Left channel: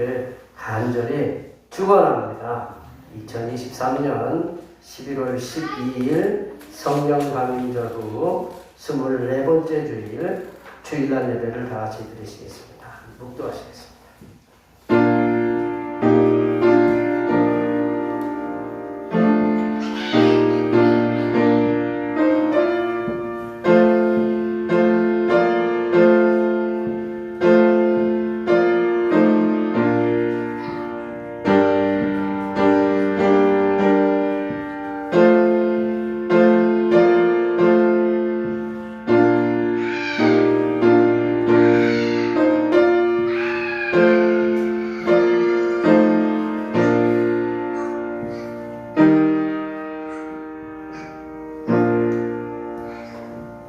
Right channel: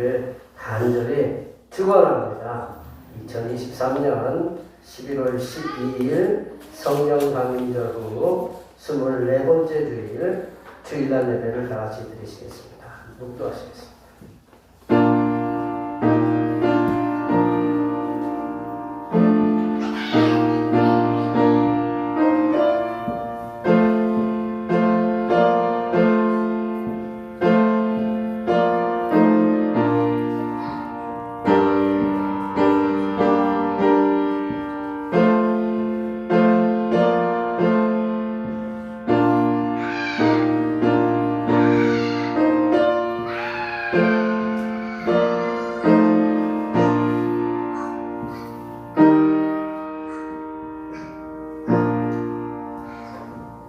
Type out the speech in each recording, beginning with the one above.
되시기를 간절히 축원합니다. 2023년 11월 12일 성령 강림절 후 24번째 주일 주일날 예배를 다 같이 드리시겠습니다. 묵도하시겠습니다.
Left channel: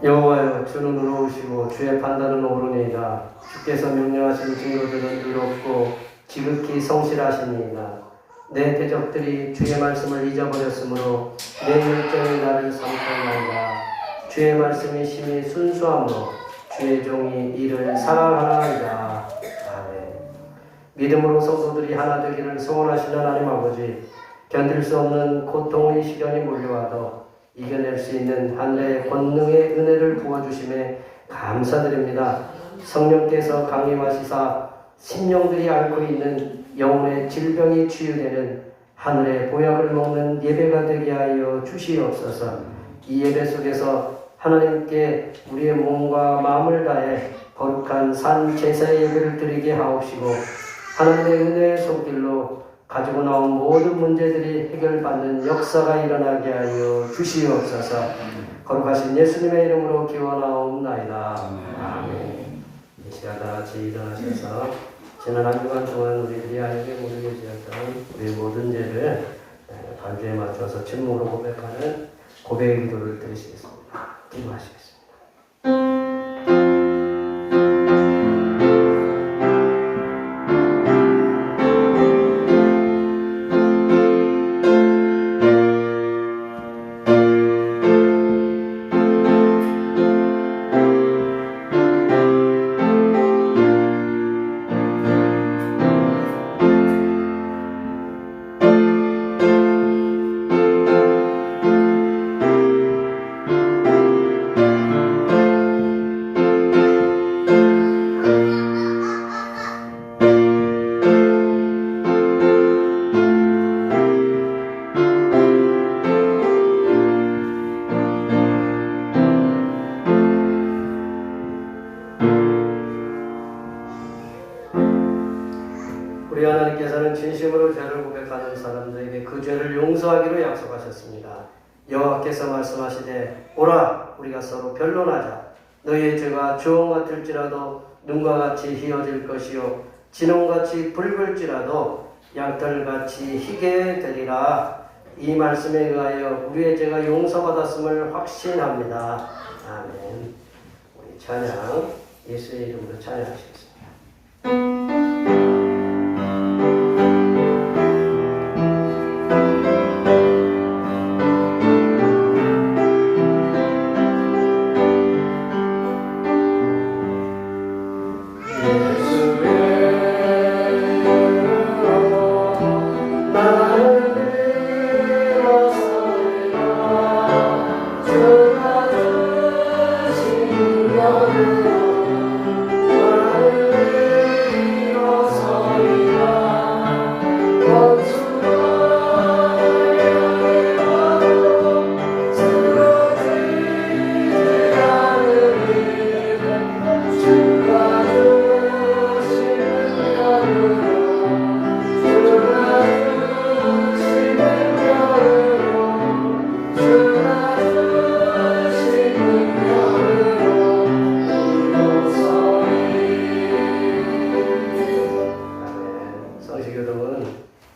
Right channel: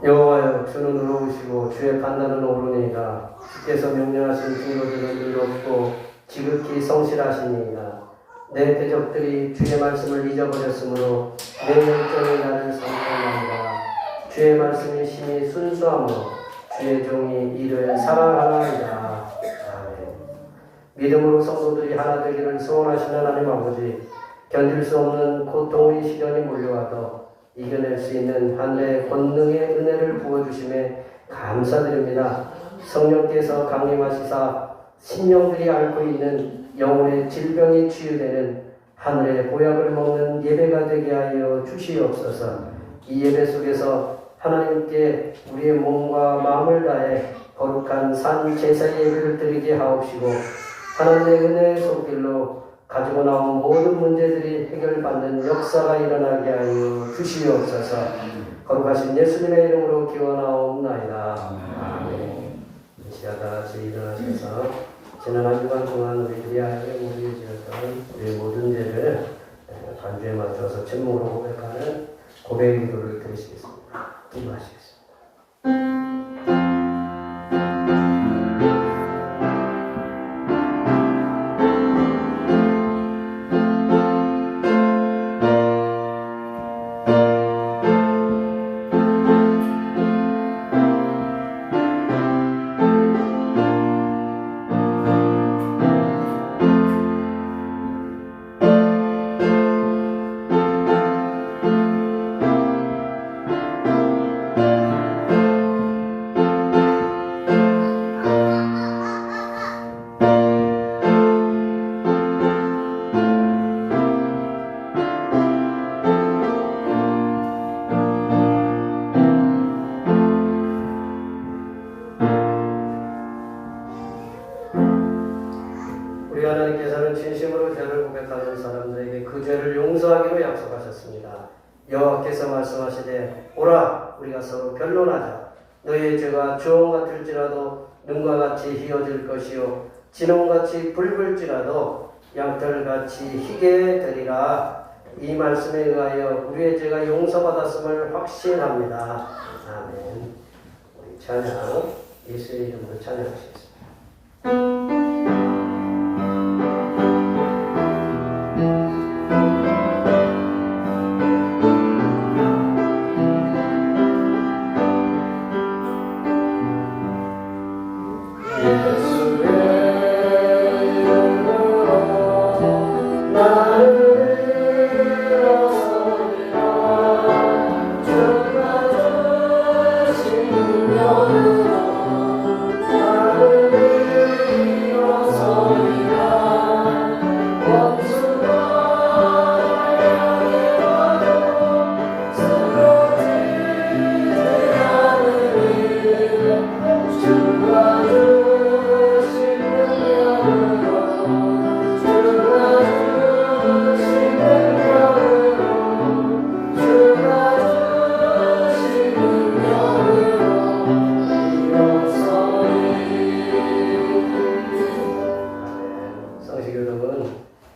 여호와여, 주는 의로우시고 주의 판단은 옳으니이다. 주께서 명령하신 증거들은 의롭고 지극히 성실하시니이다. 내 대적들이 주의 말씀을 잊어버렸으므로 내 열정의 나를 상통한다. 주의 말씀이 심히 순수하므로 주의 종이 이를 사랑하나이다. 아멘. 믿음으로 성도들이 하나 되기를 소원하시는 하나님 아버지, 견딜 수 없는 고통의 시련이 몰려와도 이겨낼 수 있는 하늘의 권능의 은혜를 부어주심에 감사드립니다. 성령께서 강림하시사 심령들이 앓고 있는 영혼의 질병이 치유되는 하늘의 보약을 먹는 예배가 되게 하여 주시옵소서. 이 예배 속에서 하나님께 우리의 몸과 마음을 다해 거룩한 산 제사의 예배를 드리게 하옵시고, 하나님의 은혜의 손길로 가지고 나온 모든 문제들이 해결받는 역사가 일어나게 하여 주시옵소서. 거룩하신 예수님의 이름으로 기원하옵나이다. 아멘. 이 시간 다 같이 일어나셔서 지난 한 주간 동안 우리들이 하에게 우리에게 지었던 우리의 모든 죄를 간주에 맞춰서 침묵으로 고백하는 고백의 기도를 드리시겠습니다. 기도하시겠습니다. 우리 하나님께서는 진심으로 죄를 고백하는 사람들에게 그 죄를 용서하기로 약속하셨습니다. 여호와께서 말씀하시되 오라 우리가 서로 변론하자. 너희의 죄가 주홍 같을지라도 눈과 같이 희어질 것이요 진홍같이 붉을지라도 양털같이 희게 되리라. 이 말씀에 의하여 우리의 죄가 용서받았음을 확신합니다. 아멘. 우리 찬양 예수의 이름으로 찬양하시겠습니다.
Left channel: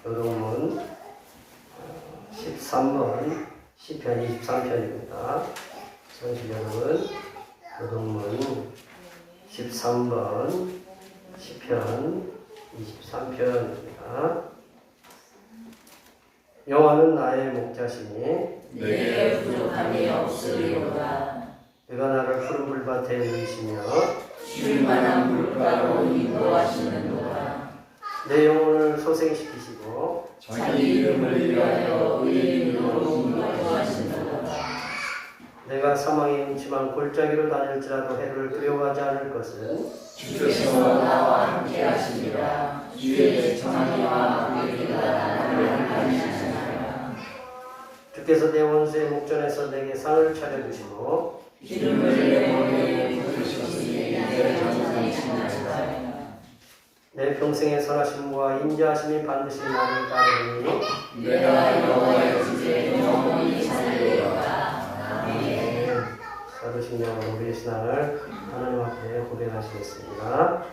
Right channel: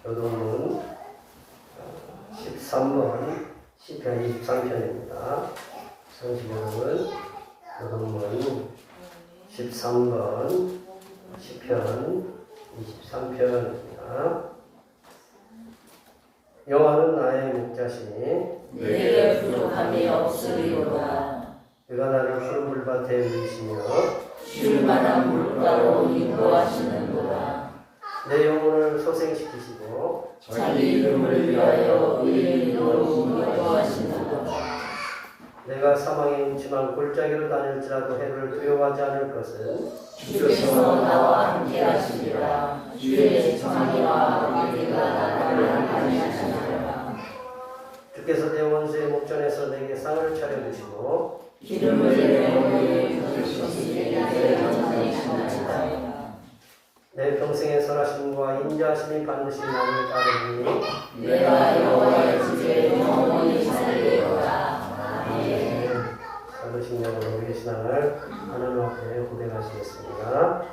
요동문 13번 시편 23편입니다. 성시경은 요동문 13번 시편 23편입니다. 여호와는 나의 목자시니 내게 부족함이 없으리로다. 그가 나를 푸른 물밭에 이르시며 쉴 만한 물가로 인도하시는도다. 내 영혼을 소생시키시고 자기 이름을 위하여 의인으로 인도하신다. 내가 사망의 음침한 골짜기로 다닐지라도 해를 두려워하지 않을 것은 주께서 나와 함께 하시리라. 주의 정의와 의리가 나를 안위하시리라. 주께서 내 원수의 목전에서 내게 상을 차려주시고 기름을 내 머리에 부으시니 내 영혼이 신나리라. 내 평생의 선하심과 인자하심이 반드시 나를 따르니 내가 여호와의 주의 영혼이 살리리로다. 아멘. 사도신앙으로 우리의 신앙을 하나님 앞에 고백하시겠습니다.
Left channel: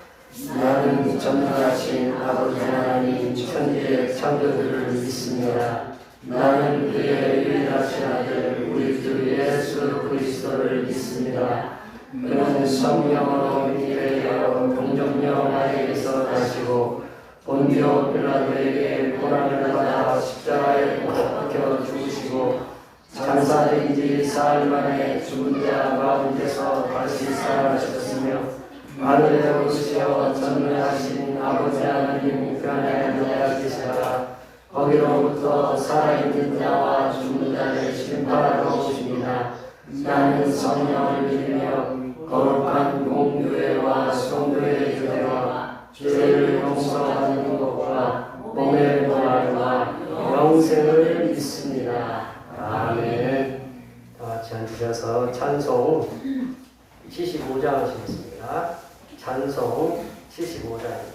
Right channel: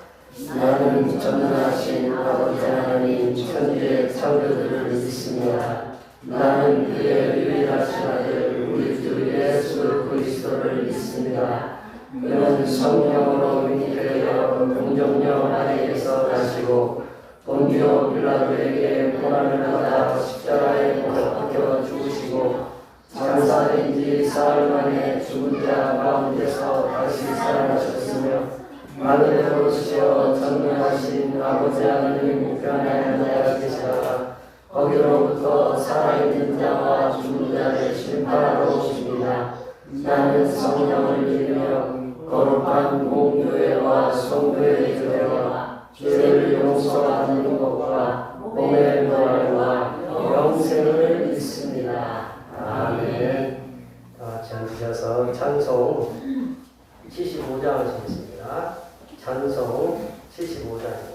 나는 전능하신 아버지 하나님 천지의 창조주를 믿습니다. 나는 그의 유일하신 아들 우리 주 예수 그리스도를 믿습니다. 그는 성령으로 잉태되어 공정령 아래에서 나시고 본디오 빌라도에게 고난을 받아 십자가에 못 박혀 죽으시고 장사된 지 사흘 만에 죽은 자 가운데서 다시 살아나셨으며 하늘에 오시어 전능하신 아버지 하나님 우편에 앉아 계시다가 거기로부터 살아있는 자와 죽은 자를 심판하러 오십니다. 나는 성령을 믿으며 거룩한 공교회와 성도의 교회와 죄를 용서받는 것과 몸의 부활과 영생을 믿습니다. 아멘. 다 같이 앉으셔서 찬송 75장 하시겠습니다. 찬송 75장입니다.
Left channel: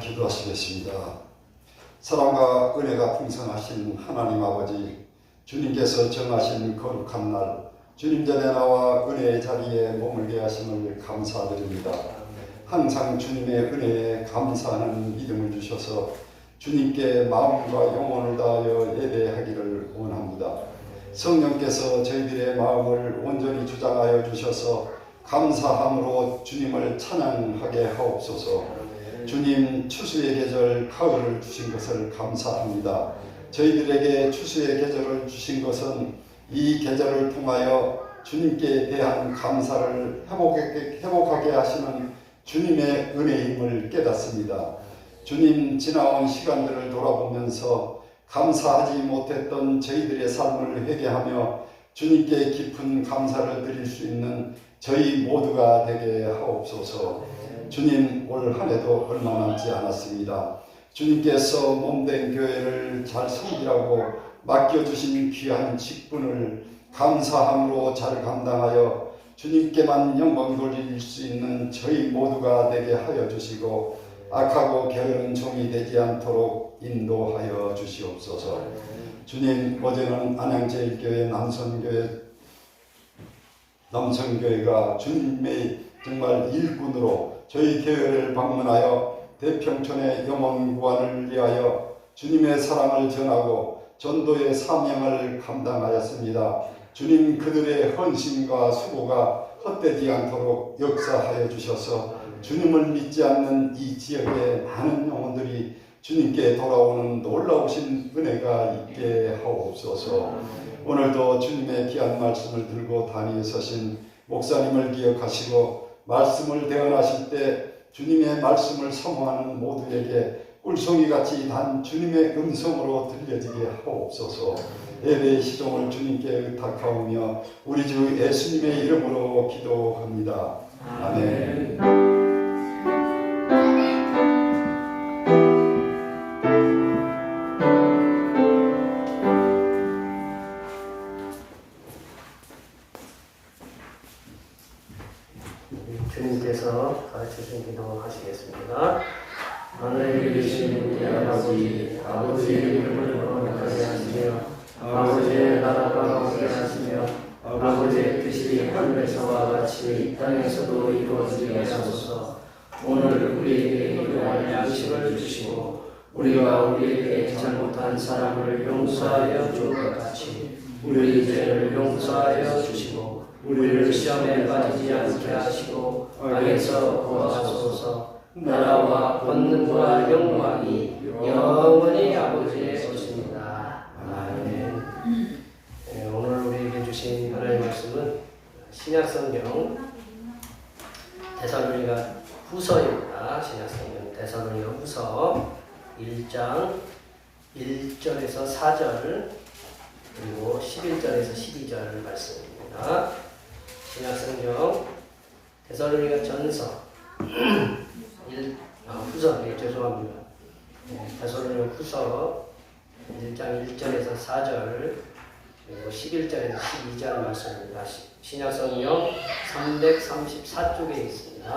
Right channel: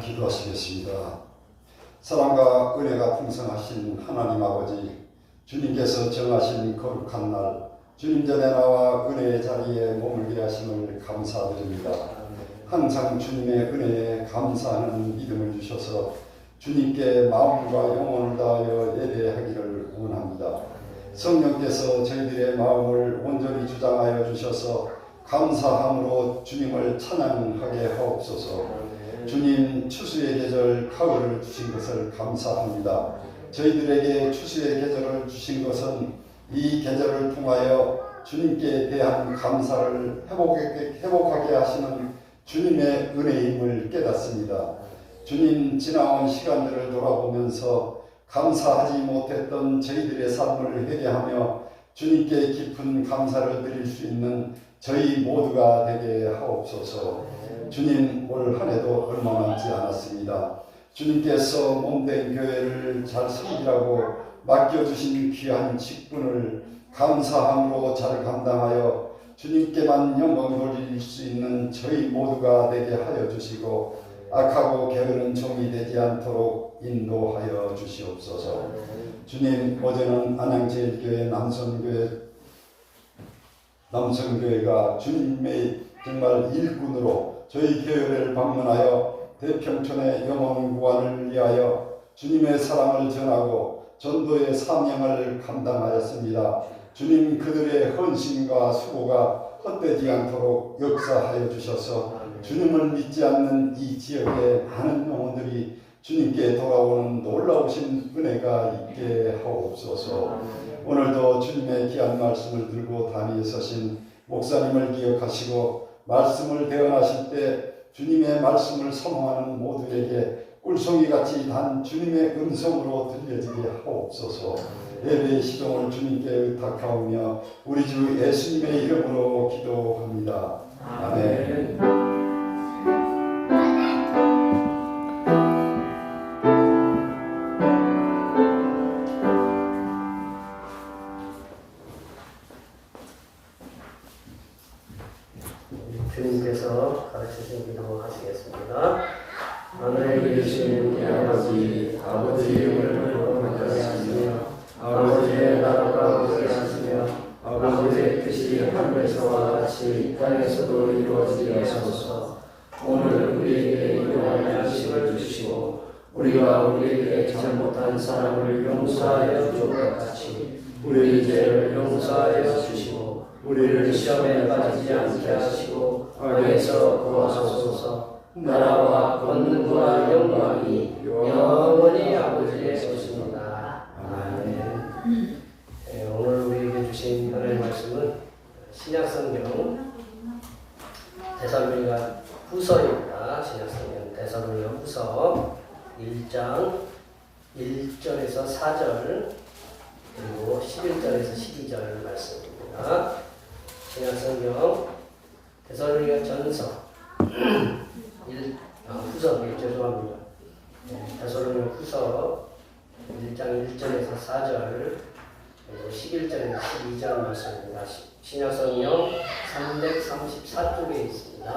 기도하시겠습니다. 사랑과 은혜가 풍성하신 하나님 아버지, 주님께서 정하신 거룩한 날, 주님 전에 나와 은혜의 자리에 머물게 하심을 감사드립니다. 항상 주님의 은혜에 감사하는 믿음을 주셔서 주님께 마음과 영혼을 다하여 예배하기를 원합니다. 성령께서 저희들의 마음을 온전히 주장하여 주셔서 감사함으로 주님을 찬양하게 하옵소서. 주님 추수의 계절 가을을 주신 것을 감사합니다. 저희들에게 추수의 계절을 주신 것은 이 계절을 통하여 주님께 대한 감사를 회복하게 하시는 주님의 은혜임을 깨닫습니다. 주님 지나온 시간들을 돌아보면서 감사하지 못했던 저희들의 삶을 회개하며 주님께 깊은 감사를 드릴 수 있는 저희 모두가 되게 하옵소서. 주님 올 한 해도 얼마 남지 않았습니다. 주님께서 몸된 교회를 잘 섬기라고 맡겨주신 귀한 직분을 감사함으로 잘 감당하여 주님께만 영광 돌릴 수 있는 저희 모두가 되게 하여 주시고 악하고 게으른 종이 되지 않도록 인도하여 주시옵소서. 주님 어제는 안양제일교회 남성교회가 주님의 정말 일꾼으로 저희 교회를 방문하여 대평촌의 영혼 구원을 위하여 주님의 사랑을 전하고 전도의 사명을 감당하였습니다. 주님 그들의 헌신과 수고가 헛되지 않도록 역사하여 주셔서 주님을 믿지 않는 이 지역의 많은 영혼들이 주님께 돌아오는 놀라우신 은혜가 있게 하옵소서. 오늘도 주님의 귀한 말씀을 들고 단위에 서신 목사님을 기억하시고 말씀을 대언하실 때 주님의 말씀을 사모하는 모두에게 꿀송이같이 단 주님의 음성으로 들려지게 하옵소서. 예배의 시종을 주님께 의탁하오며 우리 주 예수님의 이름으로 기도합니다. 아멘. 주님께서 가르쳐주신 기도 하시겠습니다. 하늘에 계신 우리 아버지, 아버지 이름을 거룩하게 하시며 아버지의 나라가 오게 하시며 아버지의 뜻이 하늘에서와 같이 이 땅에서도 이루어지옵소서. 오늘 우리에게 일용할 양식을 주시고 우리가 우리에게 잘못한 사람을 용서하여 줄 것 같이 우리 죄를 용서하여 주시고 우리를 시험에 빠지지 않게 하시고 악에서 구하소서. 나라와 권능과 영광이 영원히 아버지의 것입니다. 아멘. 네, 오늘 우리에게 주신 하나님의 말씀은 신약성경 데살로니가 후서입니다. 신약성경 데살로니가 후서 1장 1절에서 4절 그리고 11절에서 12절 말씀입니다. 신약성경 데살로니가 전서 후서, 죄송합니다. 데살로니가 후서 1장 1절에서 4절 그리고 11절에서 12절 말씀입니다. 신약성경 334쪽에 있습니다.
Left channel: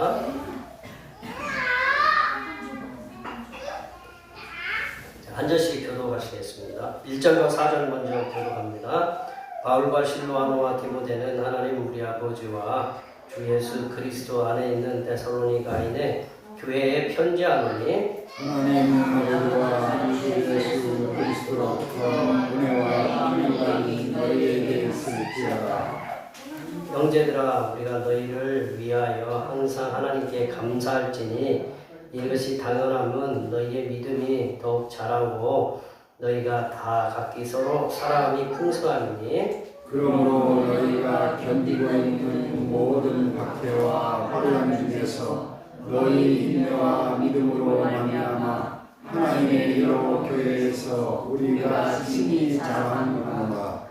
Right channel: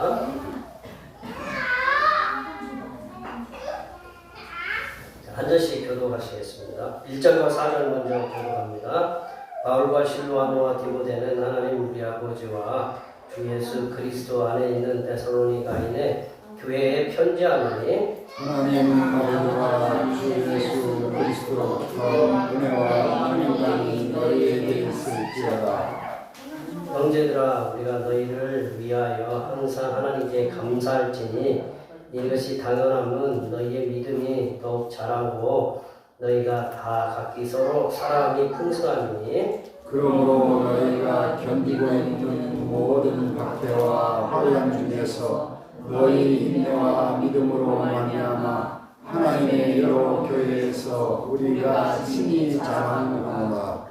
한 절씩 교독하시겠습니다. 1절과 4절 먼저 교독합니다. 바울과 실로아노와 디모데는 하나님 우리 아버지와 주 예수 그리스도 안에 있는 데살로니가인의 교회에 편지하노니 하나님 아버지와 주 예수 그리스도로부터 은혜와 평강이 너희에게 있을지어다. 형제들아 우리가 너희를 위하여 항상 하나님께 감사할지니 이것이 당연함은 너희의 믿음이 더욱 자라고 너희가 다 각기 서로 사랑이 풍성하니 그러므로 너희가 견디고 있는 모든 박해와 화려함 중에서 너희 인내와 믿음으로 말미암아 하나님의 여러 교회에서 우리가 친히 자랑하노라.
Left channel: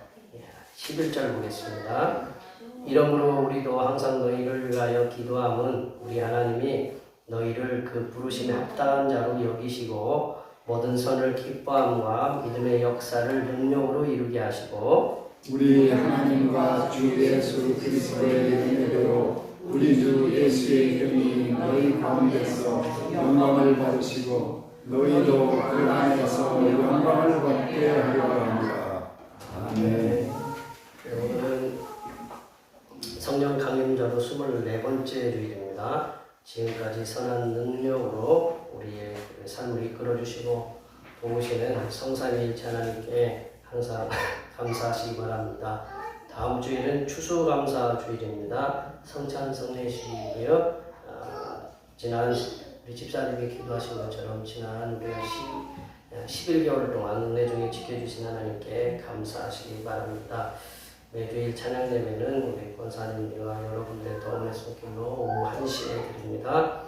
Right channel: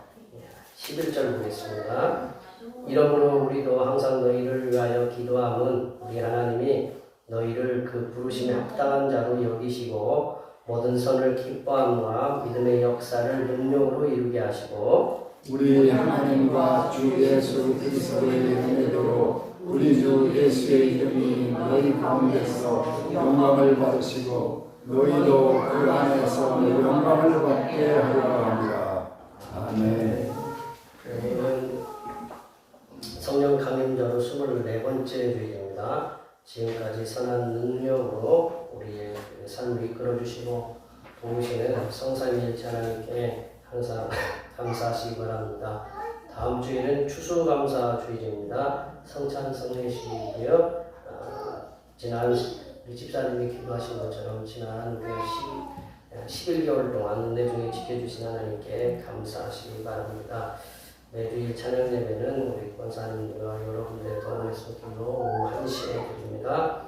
11절 보겠습니다. 이러므로 우리도 항상 너희를 위하여 기도함은 우리 하나님이 너희를 그 부르심에 합당한 자로 여기시고 모든 선을 기뻐함과 믿음의 역사를 능력으로 이루게 하시고 우리 하나님과 주 예수 그리스도의 은혜대로 우리 주 예수의 이름이 너희 가운데서 영광을 받으시고 너희도 그 안에서 영광을 받게 하려 합니다. 아멘. 오늘은 성령 강림자로 24번째 주일입니다. 지금까지 선한 능력으로 우리의 삶을 이끌어 주시고 도우시는 성삼위일체 하나님께 항상 감사하시기 바랍니다. 다음 주에는 추수감사주일입니다. 성찬성례식이고요. 지난 우리 집사님이 기도하신 것처럼 지난 우리 11개월 동안 은혜 중에 지켜주신 하나님께 감사하시기 바랍니다. 매주일 찬양 예배는 우리 권사님들과 여러분들의 도움을 섬기로 오후 1시에 드립니다.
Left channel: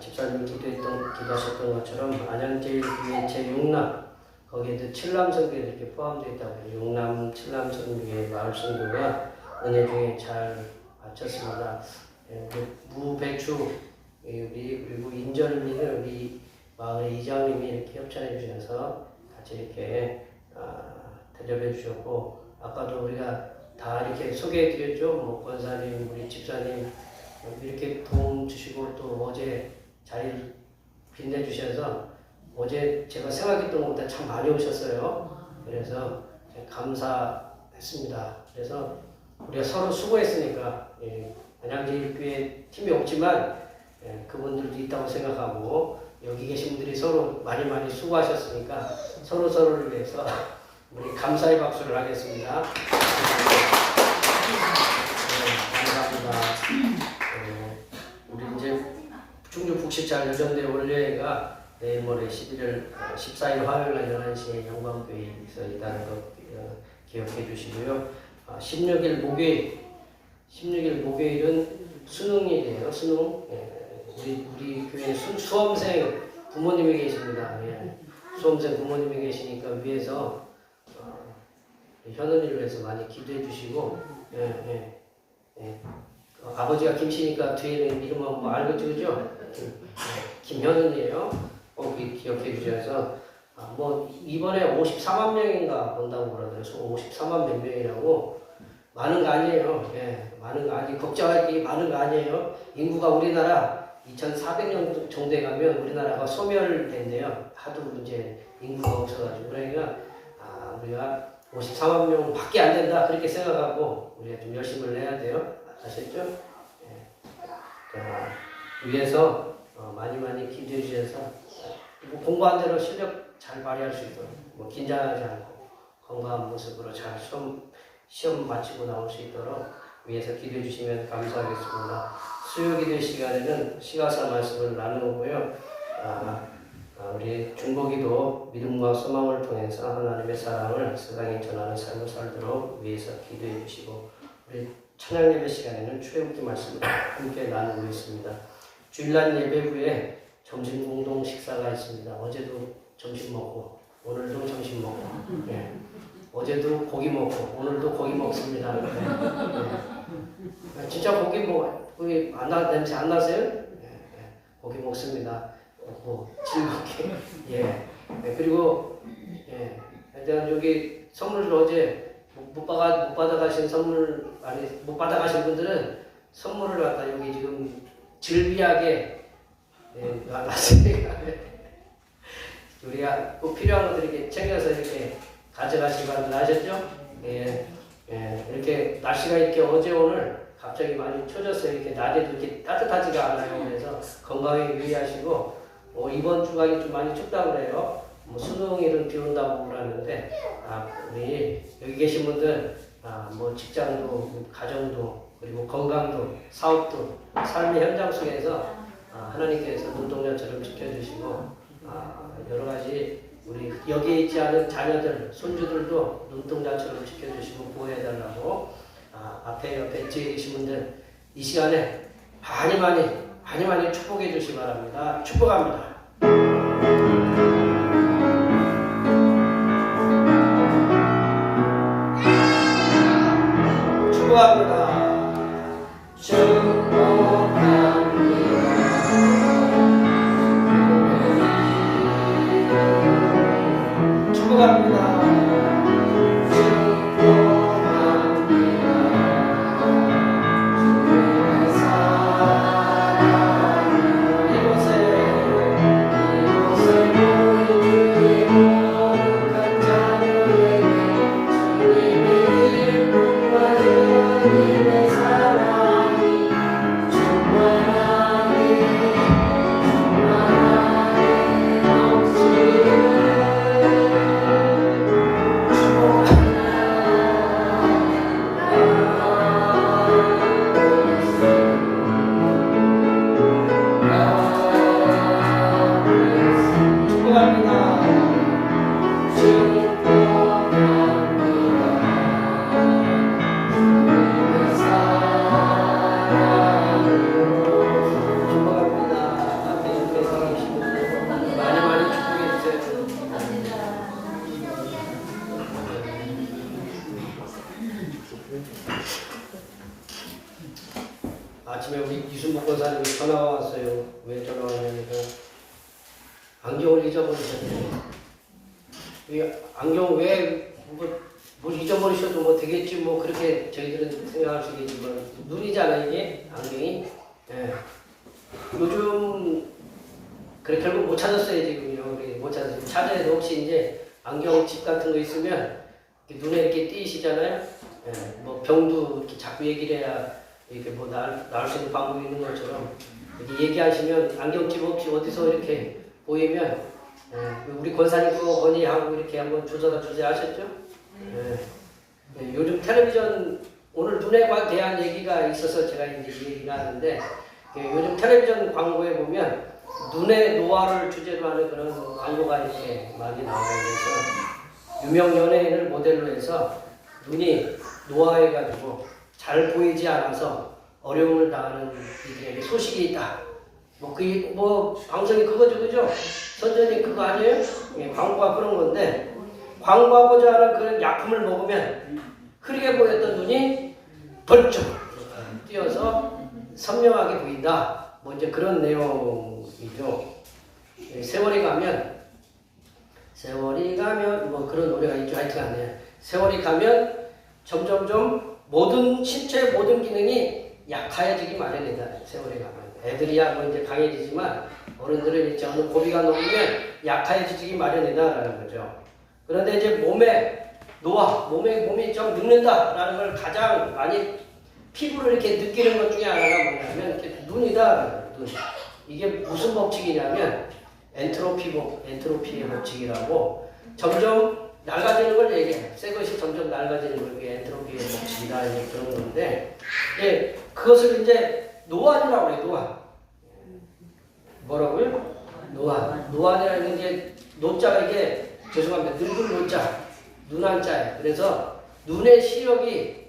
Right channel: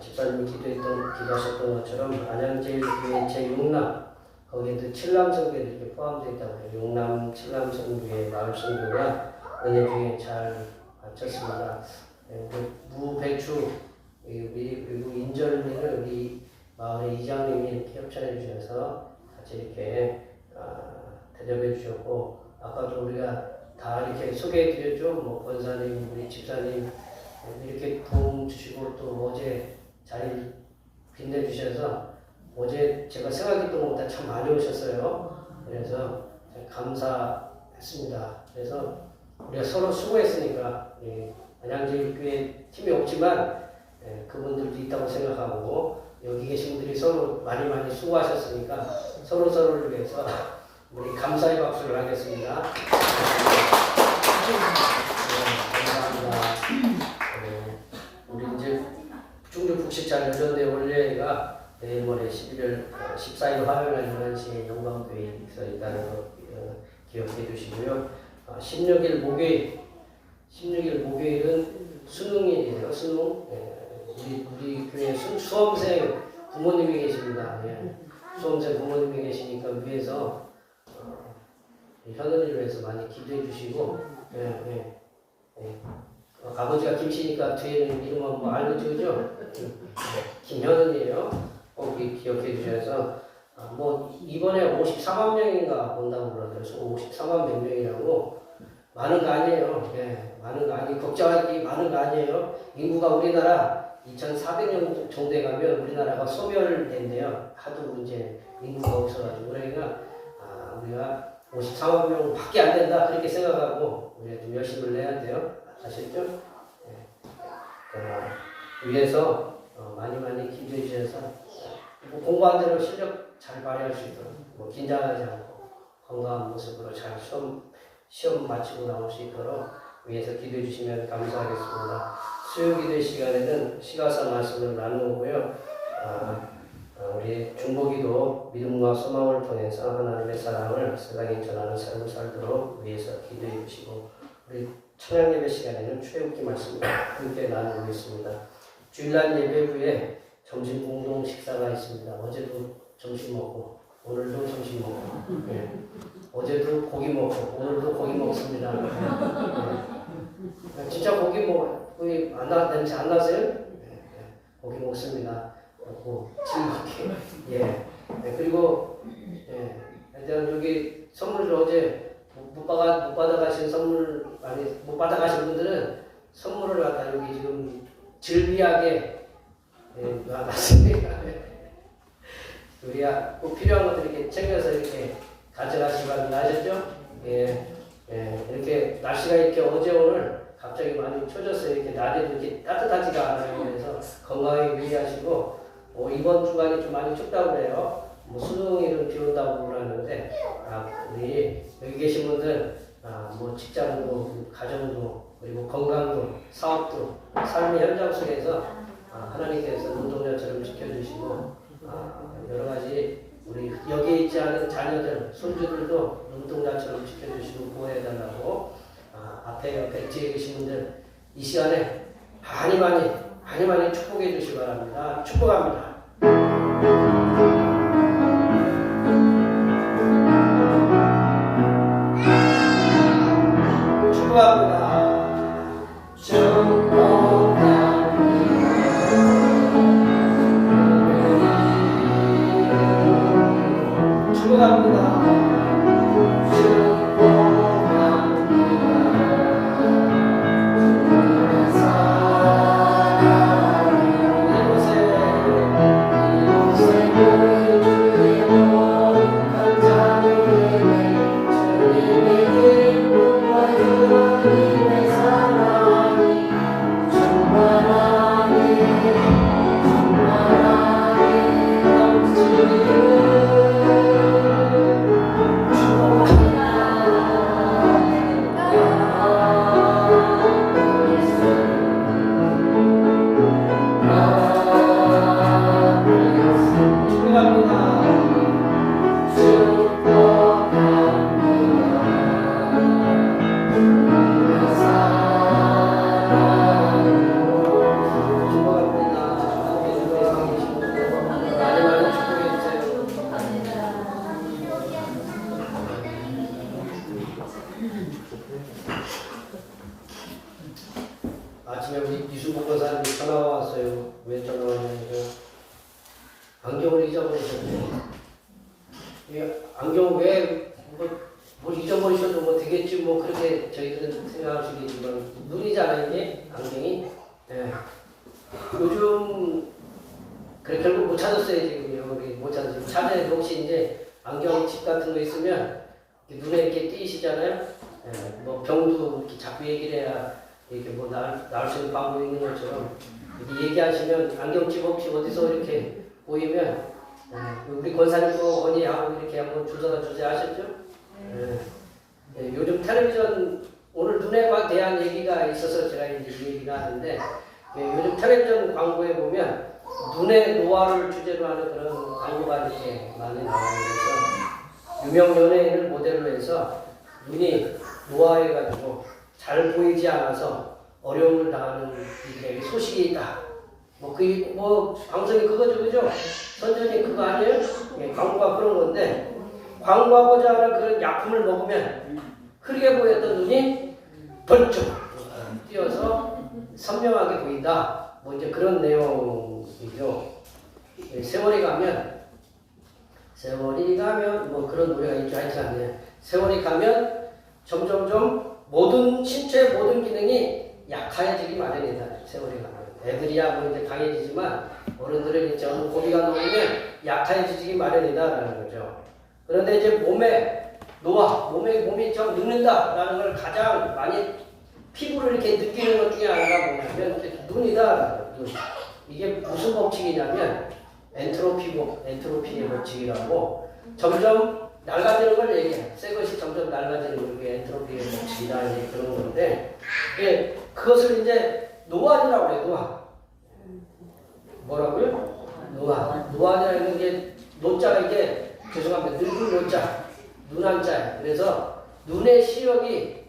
집사님이 기도하셨던 것처럼 안양제일교회 제6남 거기에도 7남 선교에 이렇게 포함되어 있다고 해요. 6남 7남 선교의 마을 선교가 은혜 중에 잘 마쳤습니다. 무배추 그리고 인절미를 우리 마을의 이장님이 이렇게 협찬해 주셔서 같이 이렇게 대접해 주셨고, 아까도 우리가 다 이렇게 소개해 드렸죠. 뭐 권사님, 우리 집사님 이렇게 도움 주시고 또 어제 자리를 빛내주셔서 어제 제가 생각했던 것보다 참 많이 오셨어요. 그래서 감사했습니다. 그래서 우리가 서로 수고했으니까 안양제일교회 팀이 없지만 그분들도 있다고 생각하고 여기 계신 분들이 서로 많이 수고하셨으니까 서로를 위해서 우리 감사의 박수를 하겠습니다. 감사합니다. 우리 이제 충주 북시찰 여전대 원례가 내일 모레 11월 14일 화요일 11시에 영광교회에 있으니까 기억해 주시고요. 16일 목요일은 수능일이에요. 수능. 우리 교회 수험생 부모님이 계십니다. 수험생 부모님이 계시니까 위에서 현은이를 위해서 많이 기도해 주시고, 아버지가 김씨니까 뒤에는 이름은 뭐 알고 지우죠? 김현은이에요. 꼭 기억해 주셔서 뭐 이번에 54만 명인가 본다고 그러더라고요. 54만 몇 명이라고. 많은 거 아니에요. 많은 거 아니, 걱정할 게 많은 거 아니에요. 인구가 우리나라 2,400년 정도에 가면 우리나라가 소멸된대요. 하도 이제 인구가 없어가지고. 그러니까 우리가 54만 명 밖에 안 된다 그렇게 생각하고 우리가 좀 열심히 해야 돼요. 아셨죠? 위에서 많이 기도해 주셔서 공부한 대로 실력 잘 발휘할 수 있도록 긴장하지 않고 건강한 모습으로 잘 시험 마치고 나올 수 있도록 위에서 기도해 주시면 감사하겠습니다. 수요기도 시간에는 시가사 말씀을 나누고요. 우리 중보기도 믿음과 소망을 통해서 하나님의 사랑을 세상에 전하는 삶을 살도록 위해서 기도해 주시고, 우리 찬양 예배 시간에는 출애굽기 말씀을 함께 나누고 있습니다. 주일날 예배 후에 점심 공동 식사가 있습니다. 어제도 점심 먹고 오늘도 점심 먹고, 어제도 고기 먹고 오늘도 고기 먹습니다. 진짜 고기 냄새 안 나세요? 고기 먹습니다. 즐겁게. 그리고 일단 여기 선물을 어제 못 받아가신 분들은 선물을 갖다 여기 지금 즐비하게 놨습니다. 우리가 꼭 필요한 것들 이렇게 챙겨서 이렇게 가져가시기 바랍니다. 아셨죠? 이렇게 날씨가 이렇게 어제 오늘 갑자기 많이 추워졌어요. 이렇게 낮에도 이렇게 따뜻하지가 않아요. 그래서 건강에 유의하시고, 이번 주간이 좀 많이 춥다고 그래요. 수능일은 비 온다고 그러는데, 우리 여기 계신 분들, 직장도, 가정도, 그리고 건강도, 사업도, 삶의 현장 속에서 하나님께서 눈동자처럼 지켜주시고, 여러 가지 우리 여기에 있지 않은 자녀들, 손주들도 눈동자처럼 지켜주시고 보호해달라고 앞에 뒤에 계신 분들 이 시간에 많이 축복해 주시기 바랍니다. 축복합니다. 축복합니다. 아침에 우리 이순복 권사님이 전화가 왔어요. 왜 전화가 왔냐면 안경을 잊어버리셨대요. 이 안경 뭘 잊어버리셔도 뭐 되겠지 뭐 그렇게 저희들은 생각할 수 있겠지만 눈이잖아요 이게 안경이. 예. 요즘 그래 결국 못 찾았어요 지금요. 우리 못 찾았어요. 찾아야 돼. 혹시 이제 안경집 같은 거 있으면 눈에 이렇게 띄시잖아요. 예. 뭐 병도 이렇게 자꾸 얘기를 해야 이렇게 뭐 나을 수 있는 방법이 있는 것처럼 이렇게 얘기하시면 안경집 혹시 어디서 이렇게 보이면 우리 권사님도 건의하고 이렇게 한번 조사다 주제하셨죠? 요즘 텔레비전 오늘 눈에 대한 얘기가 있어서 제가 이제 이 얘기를 하는데 요즘 텔레비전 광고에 보면 눈의 노화를 주제로 하는 그런 광고가 이렇게 많이 나와요. 그래서 유명 연예인을 모델로 해서 눈이 노화해가지고 잘 보이지 않아서 어려움을 당하는 이게 소식이 있다. 뭐 방송이 그거죠, 그죠? 선전이 그거 아니에요? 예, 광고가 그런 건데 광고하고자 하는 그런 약품을 먹으면 흐리게 보였던 눈이 벌쩍 뛰어서 선명하게 보인다. 뭐 이제 그런 내용이죠. 예, 세월이 가면 뭐 그런 노래가 있죠. 하여튼 세월이 가면 점점점 신체의 모든 기능이 약해지기 마련이다. 세월이 가면. 애들이야 뭐 이제 강해지지만 어른들은 이제 어느 고비가 넘으면 약해지기 마련이다라는 거죠. 그런데 이제 몸의 노화, 몸이 좀 늙는다라는 걸 가장 많이 피부를 이렇게 느끼는 것 중에 하나가 뭐냐면 이렇게 눈이다. 눈. 이게 무슨 법칙이냐면 엔트로피의 법칙이라고 점점 낡아지는 걸 얘기해. 새 것이 점점 낡아지는 걸 그게 엔트로피의 법칙이다 이제 그런 건데, 예, 그것을 이제 노안이라고 해요. 노안. 뭐라고요? 노안이라는 게 노자가 이게 죄송합니다. 늙은 노자, 눈한자예요. 그래서 눈의 시력이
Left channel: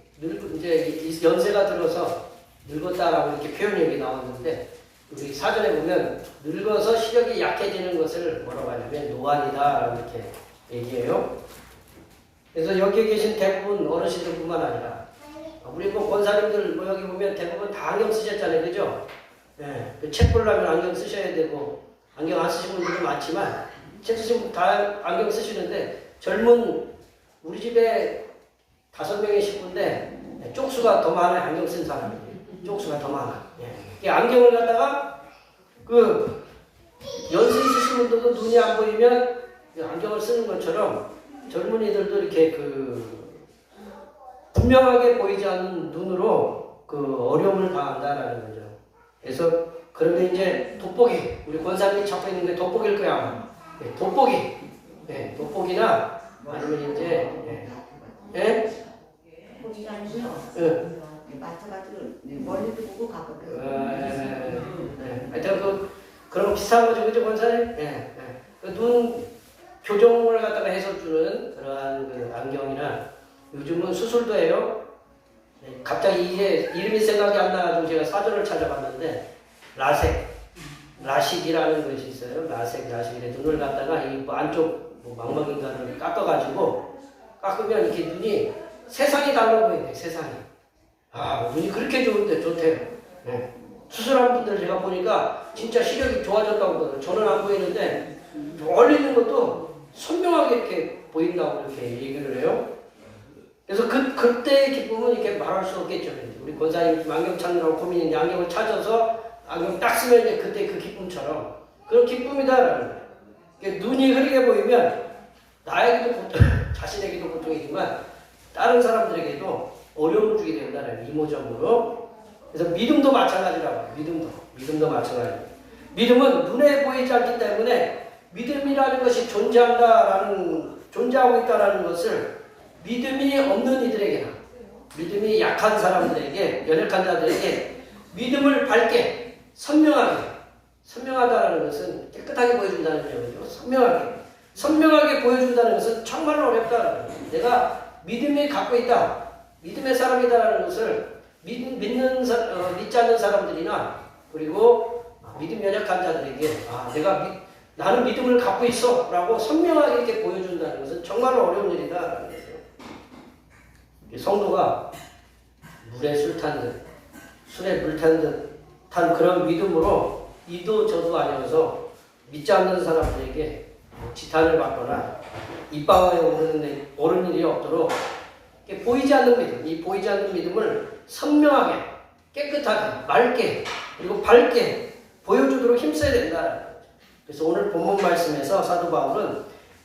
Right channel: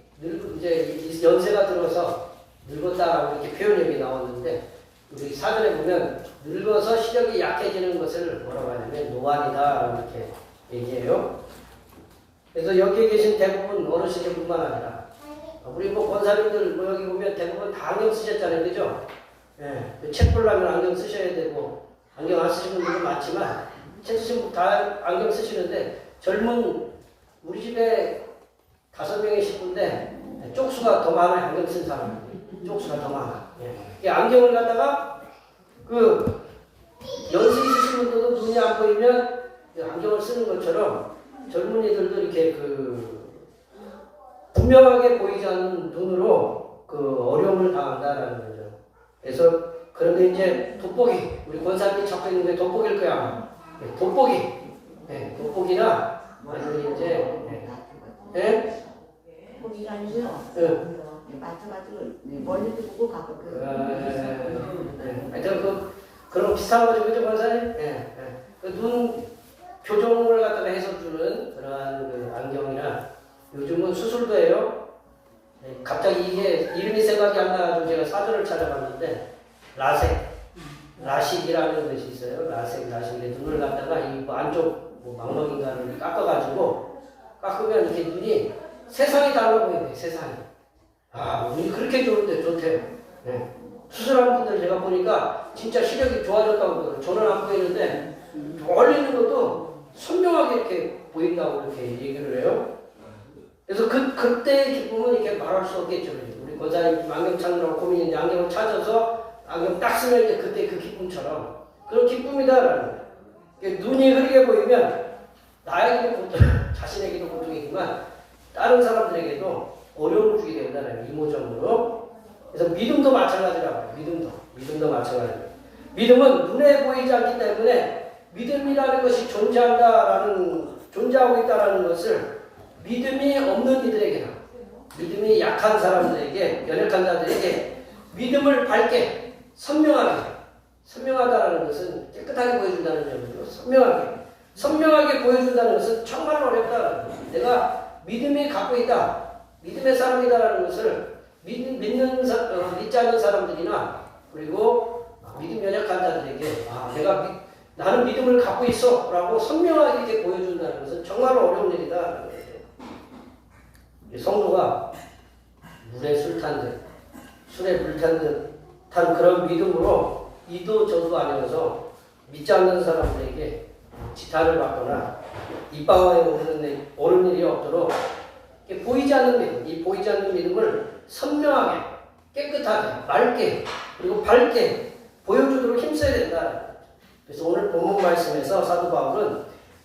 이제 연세가 들어서 늙었다라고 이렇게 표현력이 나왔는데 우리 사전에 보면 늙어서 시력이 약해지는 것을 뭐라고 하냐면 노안이다 이렇게 얘기해요. 그래서 여기 계신 대부분 어르신들뿐만 아니라 우리 뭐 권사님들 뭐 여기 보면 대부분 다 안경 쓰셨잖아요, 그죠? 예, 책 보려면 안경 쓰셔야 되고 안경 안 쓰시는 분들도 많지만 책 쓰시는 분 다 안경 쓰시는데 젊은 우리 집에 5명의 식구인데 쪽수가 더 많아요. 안경 쓴 사람이 쪽수가 더 많아. 예. 안경을 갖다가 그 연세 있으신 분들도 눈이 안 보이면 안경을 쓰는 것처럼 젊은이들도 이렇게 분명하게 보이지 않는 눈으로 어려움을 당한다라는 거죠. 그래서 그런데 이제 돋보기, 우리 권사님이 잡혀 있는 게 돋보기일 거야. 예, 돋보기, 예, 돋보기나 아니면 이제 돋보기 아니고요. 마트가도 멀리도 보고 가거든요. 하여튼 그런 비슷한 거죠, 그죠, 권사님? 눈 교정을 갖다가 해서 주는 그러한 안경이나 요즘은 수술도 해요. 갑자기 이게 이름이 생각이 안 나가지고 제가 사전을 찾아봤는데 라식이라는 것이 있어요. 라식인데 눈을 갖다가 이 안쪽 망막인가를 깎으면 이렇게 눈이 세상이 달라 보이네. 세상이. 눈이 그렇게 좋대요. 네. 수술한 분들 제가 보니까 진짜 시력이 좋아졌다고 그러더라고요. 저는 안 보이는데 멀리 있는 것도 선명하게 이렇게 보인다고 이렇게 얘기를 해요. 그래서 그때의 기쁨은 이렇게 말할 수 없겠죠. 우리 권사님 안경 찾느라고 고민인데 안경을 찾아서 안경 딱 쓰면 이제 그때 그 기쁨처럼 그런 기쁨이다라는 거예요. 눈이 흐리게 보이면 나에게도 고통, 자신에게도 고통이지만 다른 사람들에게도 어려움을 주게 된다는 이모적으로. 그래서 믿음도 마찬가지라고. 믿음도 마찬가지. 믿음은 눈에 보이지 않기 때문에 믿음이라는 것이 존재하고 있다는 것을 믿음이 없는 이들에게나 믿음이 약한 사람들에게, 연약한 자들에게 믿음을 밝게 선명하다는 것은 깨끗하게 보여준다는 얘기죠. 선명하게 보여준다는 것은 정말 어렵다. 내가 믿음이 갖고 있다, 믿음의 사람이다라는 것을 믿지 않는 사람들이나 그리고 믿음 연약한 자들에게 나는 믿음을 갖고 있어 라고 선명하게 이렇게 보여준다는 것은 정말 어려운 일이다. 성도가 물에 술 탄 듯, 술에 물 탄 듯한 그런 믿음으로 이도 저도 아니어서 믿지 않는 사람들에게 지탄을 받거나 입방에 오른 일이 없도록 보이지 않는 믿음, 이 보이지 않는 믿음을 선명하게, 깨끗하게, 맑게, 그리고 밝게 보여주도록 힘써야 된다. 그래서 오늘 본문 말씀에서 사도 바울은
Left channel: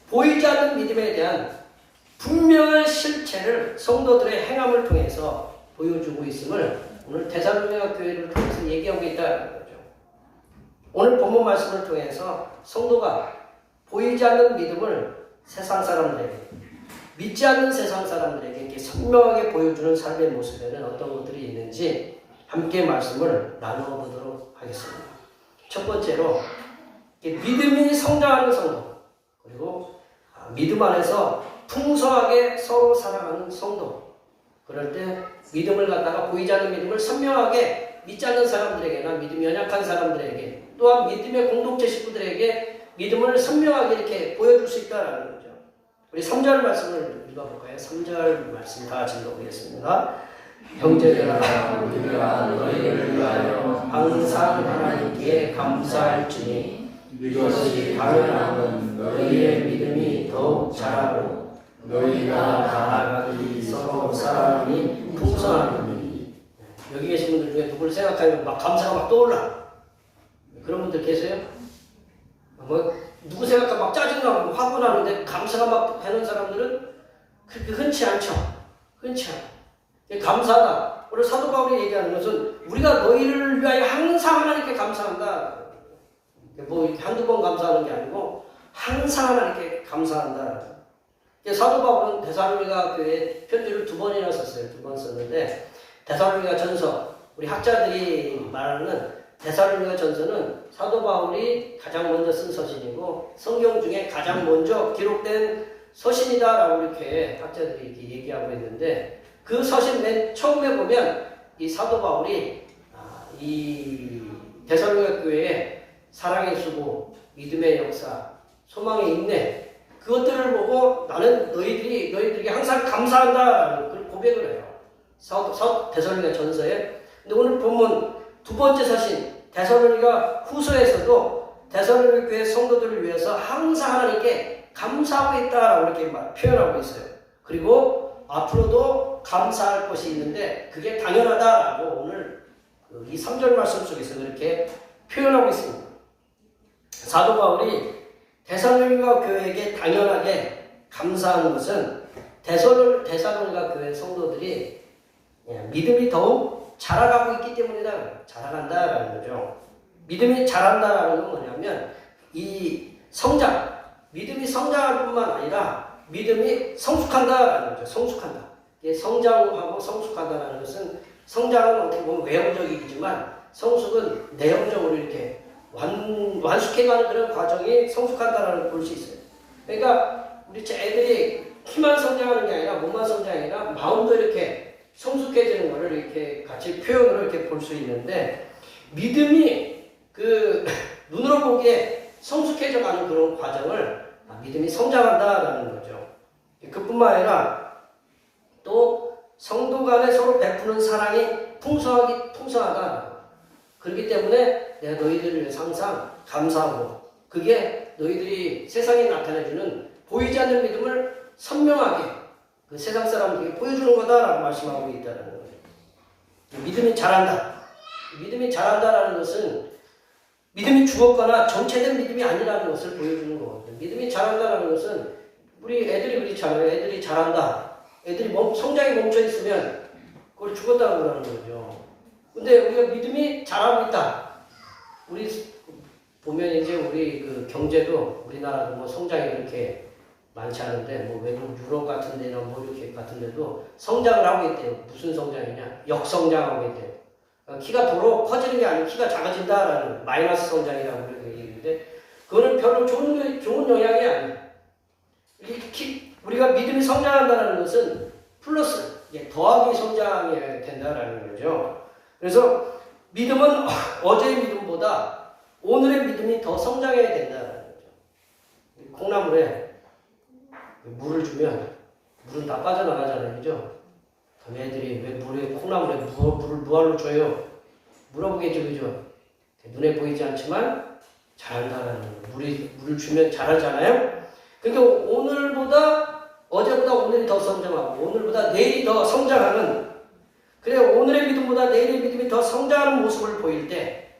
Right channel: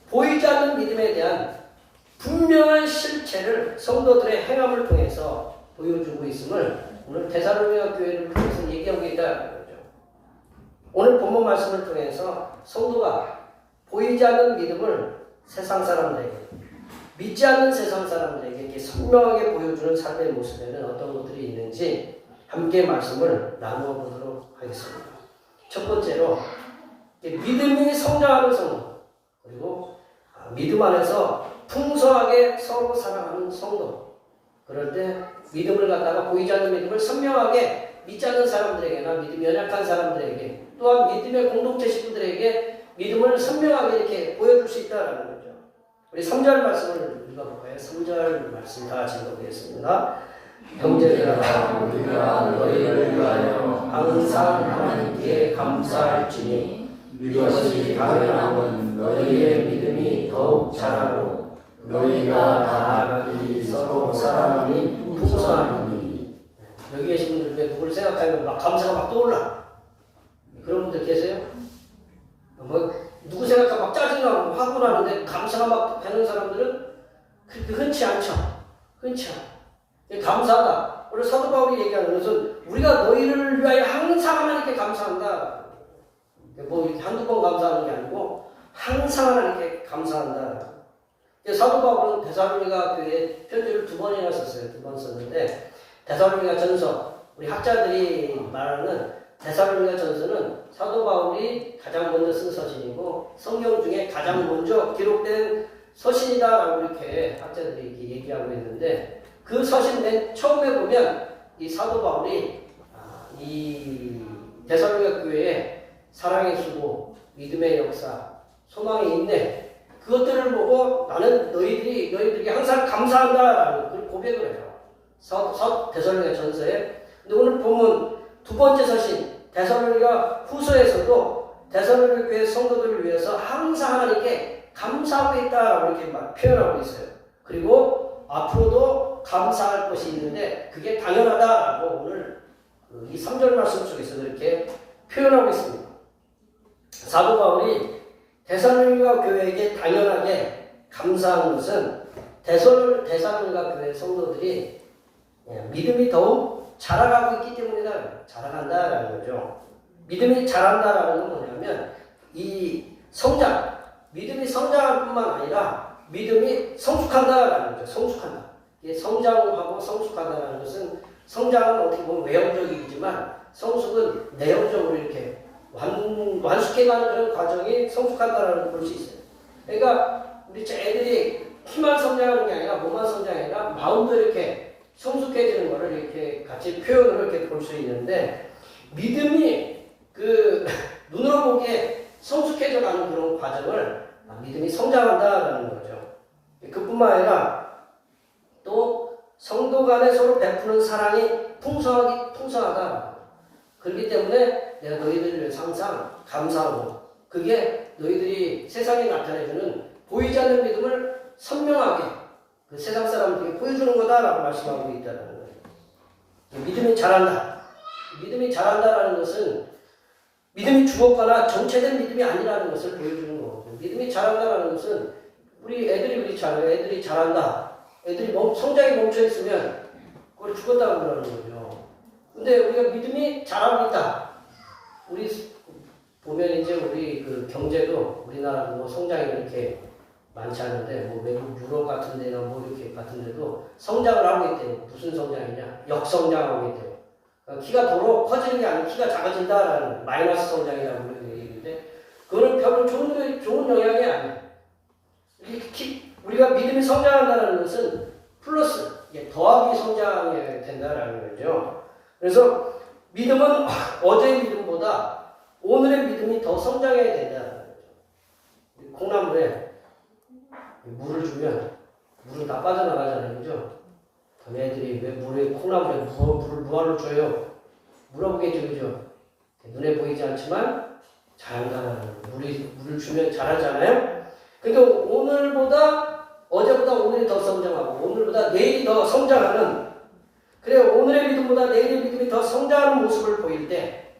보이지 않는 믿음에 대한 분명한 실체를 성도들의 행함을 통해서 보여주고 있음을 오늘 데살로니가 교회를 통해서 얘기하고 있다는 거죠. 오늘 본문 말씀을 통해서 성도가 보이지 않는 믿음을 세상 사람들에게, 믿지 않는 세상 사람들에게 이렇게 선명하게 보여주는 삶의 모습에는 어떤 것들이 있는지 함께 말씀을 나누어 보도록 하겠습니다. 첫 번째로 믿음이 성장하는 성도, 그리고 믿음 안에서 풍성하게 서로 사랑하는 성도. 그럴 때 믿음을 갖다가 보이지 않는 믿음을 선명하게 믿지 않는 사람들에게나 믿음이 연약한 사람들에게, 또한 믿음의 공동체 식구들에게 믿음을 선명하게 이렇게 보여줄 수 있다는 거죠. 우리 3절 말씀을 읽어볼까요? 3절 말씀 다 같이 읽어보겠습니다. 형제들아, 우리가 너희를 위하여 항상 하나님께 감사할지니 이것이 당연함은 너희의 믿음이 더욱 자라고 너희가 각기 서로 사랑하니 풍성하니. 여기 계신 분들 중에 누굴 생각하면 막 감사가 막 떠올라. 그런 분들 계세요? 뭐 누구 생각하면 막 짜증나고 화가 나는데 감사가 막 되는 사람들은 그렇게 흔치 않죠. 흔치 않아. 감사하다. 오늘 사도 바울이 얘기하는 것은 우리가 너희를 위하여 항상 하나님께 감사한다. 뭐 한두 번 감사하는 게 아니고 항상 하나님께 감사한다. 사도 바울은 데살로니가 교회에 편지를 2번이나 썼어요. 2번 썼는데 데살로니가 전서, 우리 학자들이 말하는 데살로니가 전서는 사도 바울이 가장 먼저 쓴 서신이고 성경 중에 가장 먼저 기록된 서신이다라고 이렇게 학자들이 이렇게 얘기하고 있는데, 그 서신 맨 처음에 보면 이 사도 바울이 이 데살로니가 교회에 사랑의 수고, 믿음의 역사, 소망의 인내, 그것들을 보고 나는 너희들이 항상 감사한다라는 그런 고백을 해요. 데살로니가 전서에. 근데 오늘 본문 두 번째 서신 데살로니가 후서에서도 데살로니가 교회 성도들을 위해서 항상 하나님께 감사하고 있다라고 이렇게 표현하고 있어요. 그리고 앞으로도 감사할 것이 있는데 그게 당연하다라고 오늘 이 3절 말씀 속에서 그렇게 표현하고 있습니다. 사도 바울이 데살로니가 교회에게 당연하게 감사하는 것은 데살로니가 교회 성도들이 믿음이 더욱 자라가고 있기 때문이다. 자라간다라는 거죠. 믿음이 자란다라는 건 뭐냐면 이 성장, 믿음이 성장할 뿐만 아니라 믿음이 성숙한다라는 거죠. 성숙한다. 성장하고 성숙한다라는 것은, 성장은 어떻게 보면 외형적이지만 성숙은 내용적으로 이렇게 완숙해가는 그런 과정이 성숙한다라는 걸 볼 수 있어요. 그러니까 우리 애들이 키만 성장하는 게 아니라 몸만 성장이 아니라 마음도 이렇게 성숙해지는 것을 이렇게 같이 표현으로 이렇게 볼 수 있는데, 믿음이 그 눈으로 보기에 성숙해져가는 그런 과정을 믿음이 성장한다라는 거죠. 그뿐만 아니라 또 성도 간에 서로 베푸는 사랑이 풍성하다. 그렇기 때문에 내가 너희들을 위해서 항상 감사하고, 그게 너희들이 세상에 나타내주는 보이지 않는 믿음을 선명하게 그 세상 사람들에게 보여주는 거다라고 말씀하고 있다는 거예요. 믿음이 자란다. 믿음이 자란다라는 것은 믿음이 죽었거나 정체된 믿음이 아니라는 것을 보여주는 거거든요. 믿음이 자란다라는 것은 우리 애들이 그렇잖아요. 애들이 자란다. 애들이 성장이 멈춰 있으면 그걸 죽었다고 그러는 거죠. 근데 우리가 믿음이 자라고 있다. 우리 보면 이제 우리 그 경제도 우리나라 뭐 성장이 이렇게 많지 않은데 뭐 외국 유럽 같은 데나 뭐 이렇게 같은 데도 성장을 하고 있대요. 무슨 성장이냐? 역성장하고 있대요. 키가 도로 커지는 게 아니고 키가 작아진다라는 마이너스 성장이라고 얘기하는데, 그거는 별로 좋은 영향이 아니에요. 우리가 믿음이 성장한다는 것은 플러스, 더하기 성장이 된다라는 거죠. 그래서 믿음은 어제의 믿음보다 오늘의 믿음이 더 성장해야 된다는 거죠. 콩나물에 물을 주면 물은 다 빠져나가잖아요. 그죠? 그럼 애들이 왜 물에 콩나물에 물을 무알로 줘요? 물어보겠죠, 그죠? 눈에 보이지 않지만 잘한다는 물을 주면 잘하잖아요. 그러니까 오늘보다 어제보다 오늘이 더 성장하고 오늘보다 내일이 더 성장하는 그래 오늘의 믿음보다 내일의 믿음이 더 성장하는 모습을 보일 때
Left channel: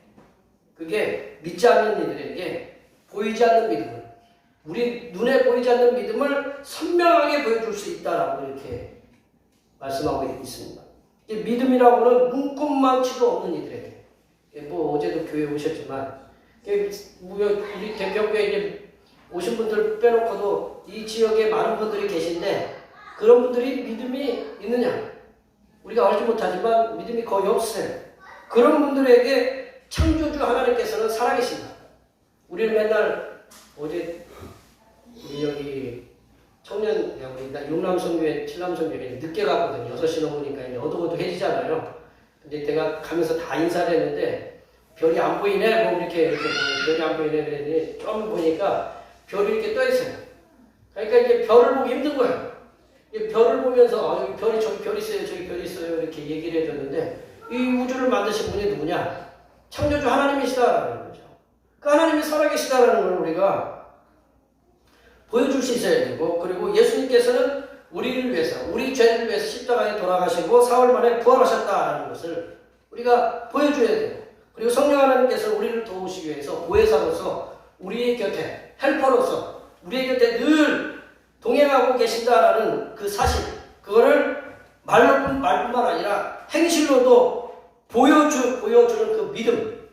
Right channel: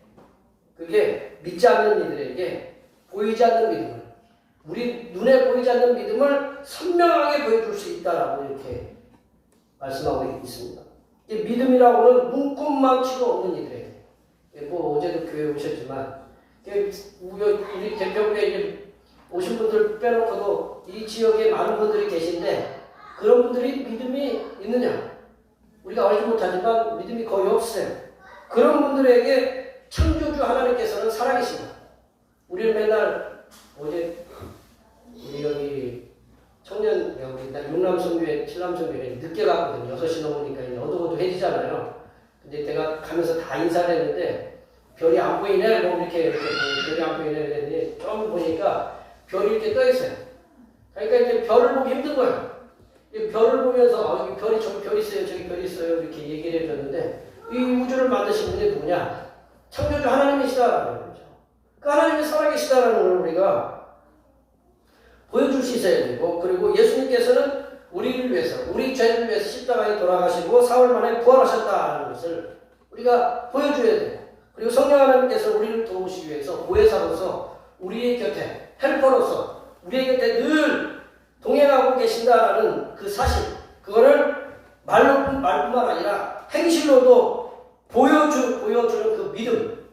그게 믿지 않는 이들에게 보이지 않는 믿음을 우리 눈에 보이지 않는 믿음을 선명하게 보여줄 수 있다라고 이렇게 말씀하고 있습니다. 믿음이라고는 눈꼽만치도 없는 이들에게 뭐 어제도 교회 오셨지만 우리 대표교회 이제 오신 분들 빼놓고도 이 지역에 많은 분들이 계신데 그런 분들이 믿음이 있느냐? 우리가 알지 못하지만 믿음이 거의 없어요. 그런 분들에게 창조주 하나님께서는 살아계십니다. 우리는 맨날 어제 우리 여기 청년 여기 육남선교회, 칠남선교회 늦게 갔거든요. 6시 넘으니까 이제 어둑어둑해지잖아요. 근데 내가 가면서 다 인사를 했는데 별이 안 보이네 뭐 이렇게 별이 안 보이네 그랬더니 좀 보니까 별이 이렇게 떠 있어요. 그러니까 이제 별을 보기 힘든 거예요. 별을 보면서 여기 별이 저기 별 있어요 저기 별 있어요 이렇게 얘기를 해줬는데 이 우주를 만드신 분이 누구냐? 창조주 하나님이시다라는 거죠. 그러니까 하나님이 살아계시다라는 걸 우리가 보여줄 수 있어야 되고 그리고 예수님께서는 우리를 위해서 우리 죄를 위해서 십자가에 돌아가시고 사흘 만에 부활하셨다라는 것을 우리가 보여줘야 돼요. 그리고 성령 하나님께서 우리를 도우시기 위해서 보혜사로서 우리의 곁에 헬퍼로서 우리의 곁에 늘 동행하고 계신다라는 그 사실 그거를 말뿐만 아니라 행실로도 보여주는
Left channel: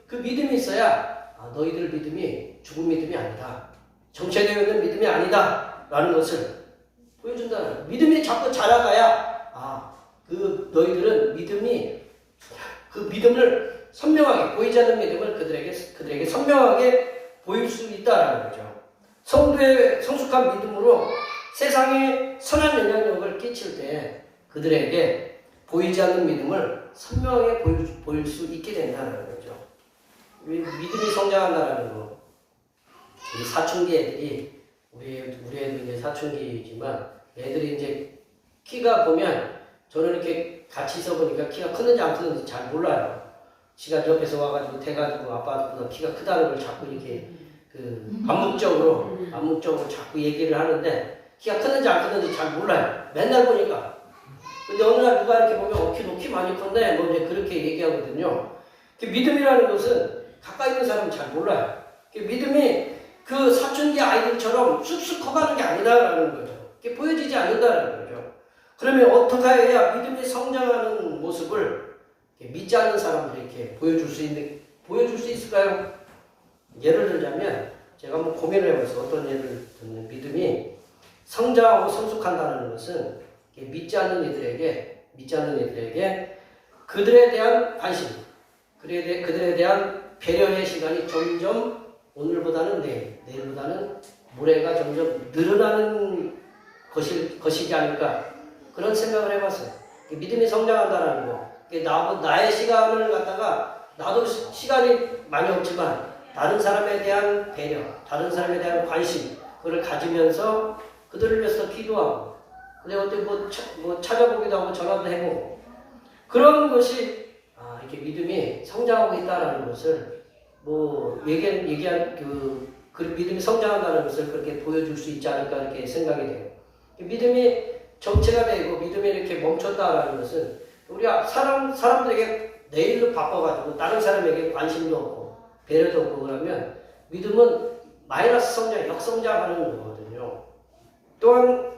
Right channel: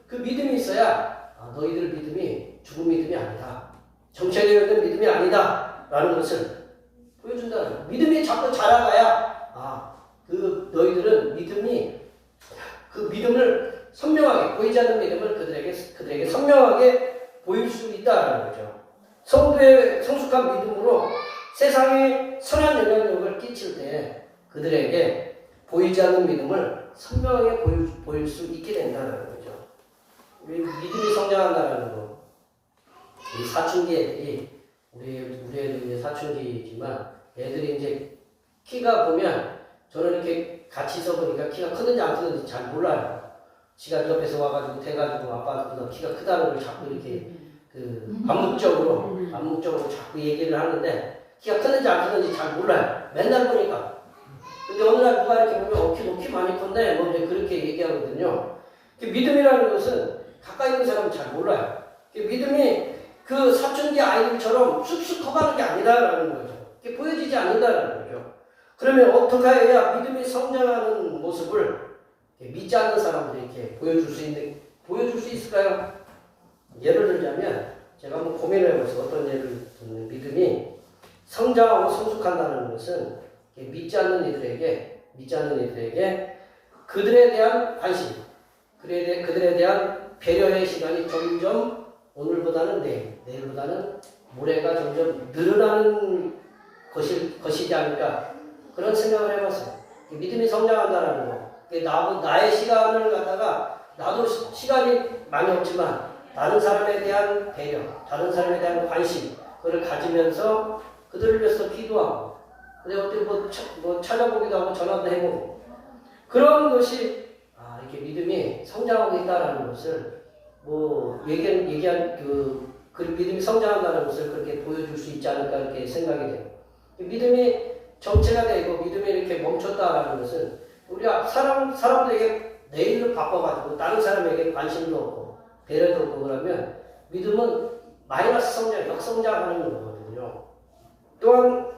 그 믿음이 있어야 너희들 믿음이 죽은 믿음이 아니다. 정체되어 있는 믿음이 아니다. 라는 것을 보여준다는 거예요. 믿음이 자꾸 자라가야 그 너희들은 그 믿음을 선명하게 보이지 않는 믿음을 그들에게 선명하게 보일 수 있다는 거죠. 성도의 성숙한 믿음으로 세상에 선한 영향력을 끼칠 때 그들에게 보이지 않는 믿음을 선명하게 보일 수 있게 된다는 거죠. 믿음이 성장한다는 거. 우리 사춘기 애들이 우리 애도 이제 사춘기지만 애들이 이제 키가 보면 저는 이렇게 같이 있어 보니까 키가 크는지 안 크는지 잘 몰라요. 지가 옆에서 와가지고 대가지고 아빠보다 키가 크다는 걸 자꾸 이렇게 암묵적으로 자꾸 얘기를 하는데 키가 크는지 안 크는지 잘 몰라요. 맨날 보니까. 근데 어느 날 누가 이렇게 보면 너 키 많이 큰데 너 이제 그렇게 얘기하거든요. 믿음이라는 것은 가까이 있는 사람은 잘 몰라요. 믿음이 그 사춘기 아이들처럼 쑥쑥 커가는 게 아니다라는 거죠. 그게 보여지지 않는다라는 거죠. 그러면 어떻게 해야 믿음이 성장하는 모습을 믿지 않는 사람들에게 보여줄 수 있을까요? 예를 들자면 제가 한번 고민을 해봐서 어떤 예를 들면 믿음이 성장하고 성숙한다는 것은 믿지 않는 이들에게 그들에 대한 관심, 그들에 대한 배려의 시간이 점점 오늘보다는 내일보다는 모레가 점점 늘어나는 것이지 않을까 그런 생각을 해봤어요. 믿음이 성장한다는 거. 나의 시간을 갖다가 나도 시간이 많이 없지만 다른 사람에 대한 배려, 다른 사람에 대한 관심 그걸 가지면서 그들을 위해서 기도하고 근데 어떻게 뭐 찾아보기도 하고 전화도 해보고 그런 것이 이렇게 믿음이 성장하고 있다는 것을 얘기한 그 믿음이 성장한다는 것을 그렇게 보여줄 수 있지 않을까 이렇게 생각이 돼요. 믿음이 정체가 되고 믿음이 이렇게 멈췄다라는 것은 우리가 사람들에게 내일을 바꿔가지고 다른 사람에게 관심도 없고 배려도 없고 그러면 믿음은 마이너스 성장, 역성장하는 거거든요. 또한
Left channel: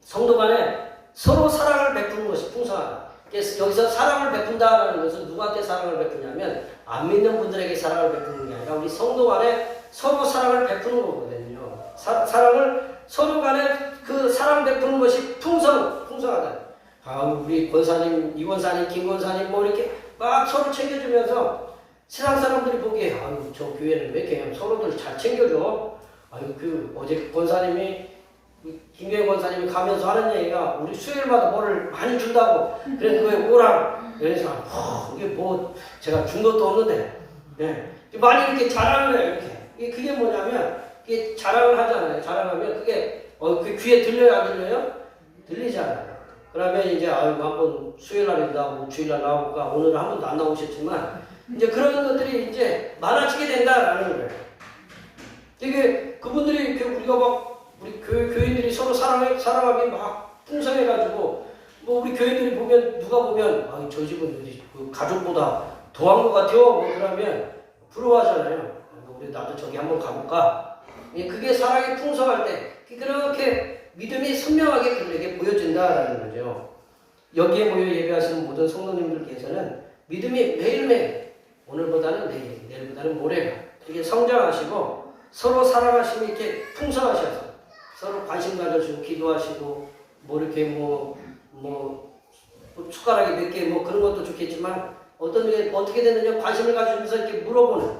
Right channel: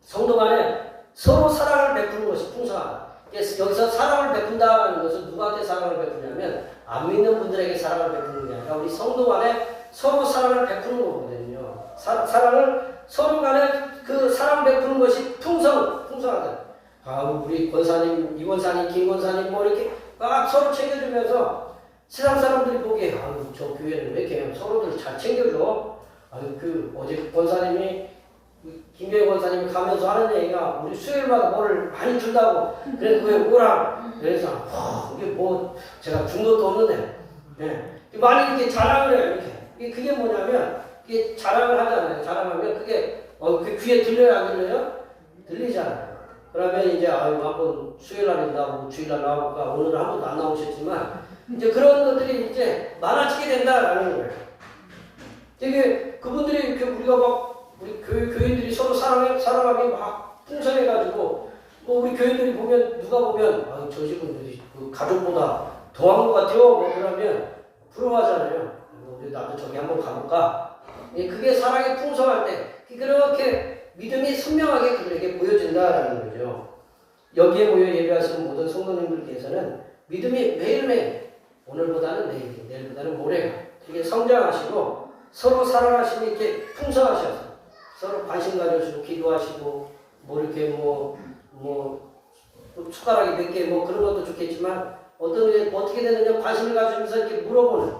성도 간에 서로 사랑을 베푸는 것이 풍성하다. 여기서 사랑을 베푼다는 것은 누구한테 사랑을 베푸냐면 안 믿는 분들에게 사랑을 베푸는 게 아니라 우리 성도 간에 서로 사랑을 베푸는 거거든요. 사랑을 서로 간에 그 사랑 베푸는 것이 풍성하다. 우리 권사님, 이 권사님, 김 권사님 뭐 이렇게 막 서로 챙겨주면서 세상 사람들이 보기에 저 교회는 왜 이렇게 서로들 잘 챙겨줘? 어제 권사님이 김교회 권사님이 가면서 하는 얘기가 우리 수요일마다 뭐를 많이 준다고 그래서 왜 오라 그래서 이게 뭐 제가 준 것도 없는데 많이 이렇게 자랑을 해요. 이렇게 그게 뭐냐면 이게 자랑을 하잖아요. 자랑하면 그게 그 귀에 들려요 안 들려요? 들리잖아요. 그러면 이제 한번 수요일날 나오고 주일날 나올까 오늘은 한 번도 안 나오셨지만 이제 그런 것들이 이제 많아지게 된다라는 거예요. 이게 그분들이 이렇게 우리가 막 우리 교인들이 서로 사랑하기 막 풍성해가지고 뭐 우리 교인들이 보면 누가 보면 저 집은 그 가족보다 더한 것 같아요. 뭐 그러면 부러워하잖아요. 우리 나도 저기 한번 가볼까? 그게 사랑이 풍성할 때 그렇게 믿음이 선명하게 그들에게 보여진다라는 거죠. 여기에 모여 예배하시는 모든 성도님들께서는 믿음이 매일매일 오늘보다는 내일, 내일보다는 모레가 되게 성장하시고 서로 사랑하심이 이렇게 풍성하셔서 서로 관심 가져주고 기도하시고 뭐 이렇게 뭐 숟가락이 몇 개 뭐 그런 것도 좋겠지만 어떻게 되느냐 관심을 가지면서 이렇게 물어보는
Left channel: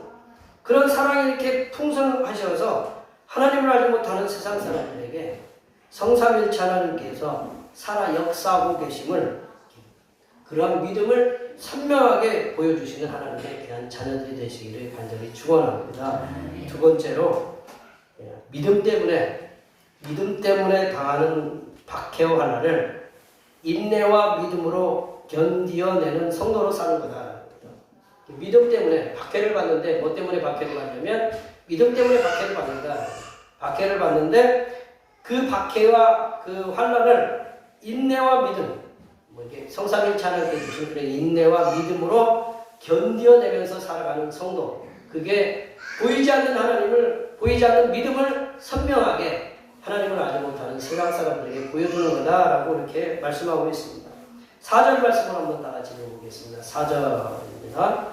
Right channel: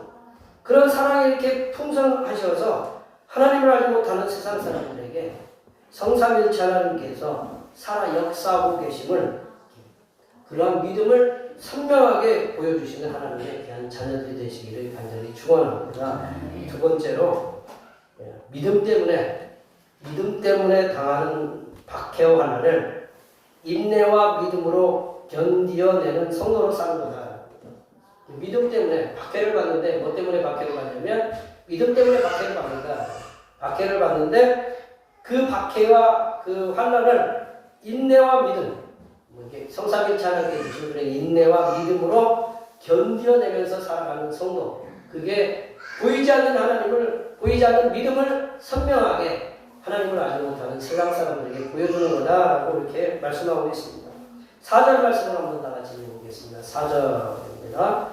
그런 사랑이 이렇게 풍성하셔서 하나님을 알지 못하는 세상 사람들에게 성삼일체 하나님께서 살아 역사하고 계심을 그러한 믿음을 선명하게 보여주시는 하나님의 귀한 자녀들이 되시기를 간절히 축원합니다. 두 번째로 믿음 때문에 당하는 박해와 환난을 인내와 믿음으로 견디어내는 성도로 사는 거다. 믿음 때문에 박해를 받는데 뭐 때문에 박해를 받냐면 믿음 때문에 박해를 받는다. 박해를 받는데 그 박해와 그 환난을 인내와 믿음, 뭐 이게 성삼일체 하나님께 주신 그런 인내와 믿음으로 견디어내면서 살아가는 성도. 그게 보이지 않는 믿음을 선명하게 하나님을 알지 못하는 세상 사람들에게 보여주는 거다라고 이렇게 말씀하고 있습니다. 4절 말씀을 한번 다 같이 읽어보겠습니다. 4절입니다.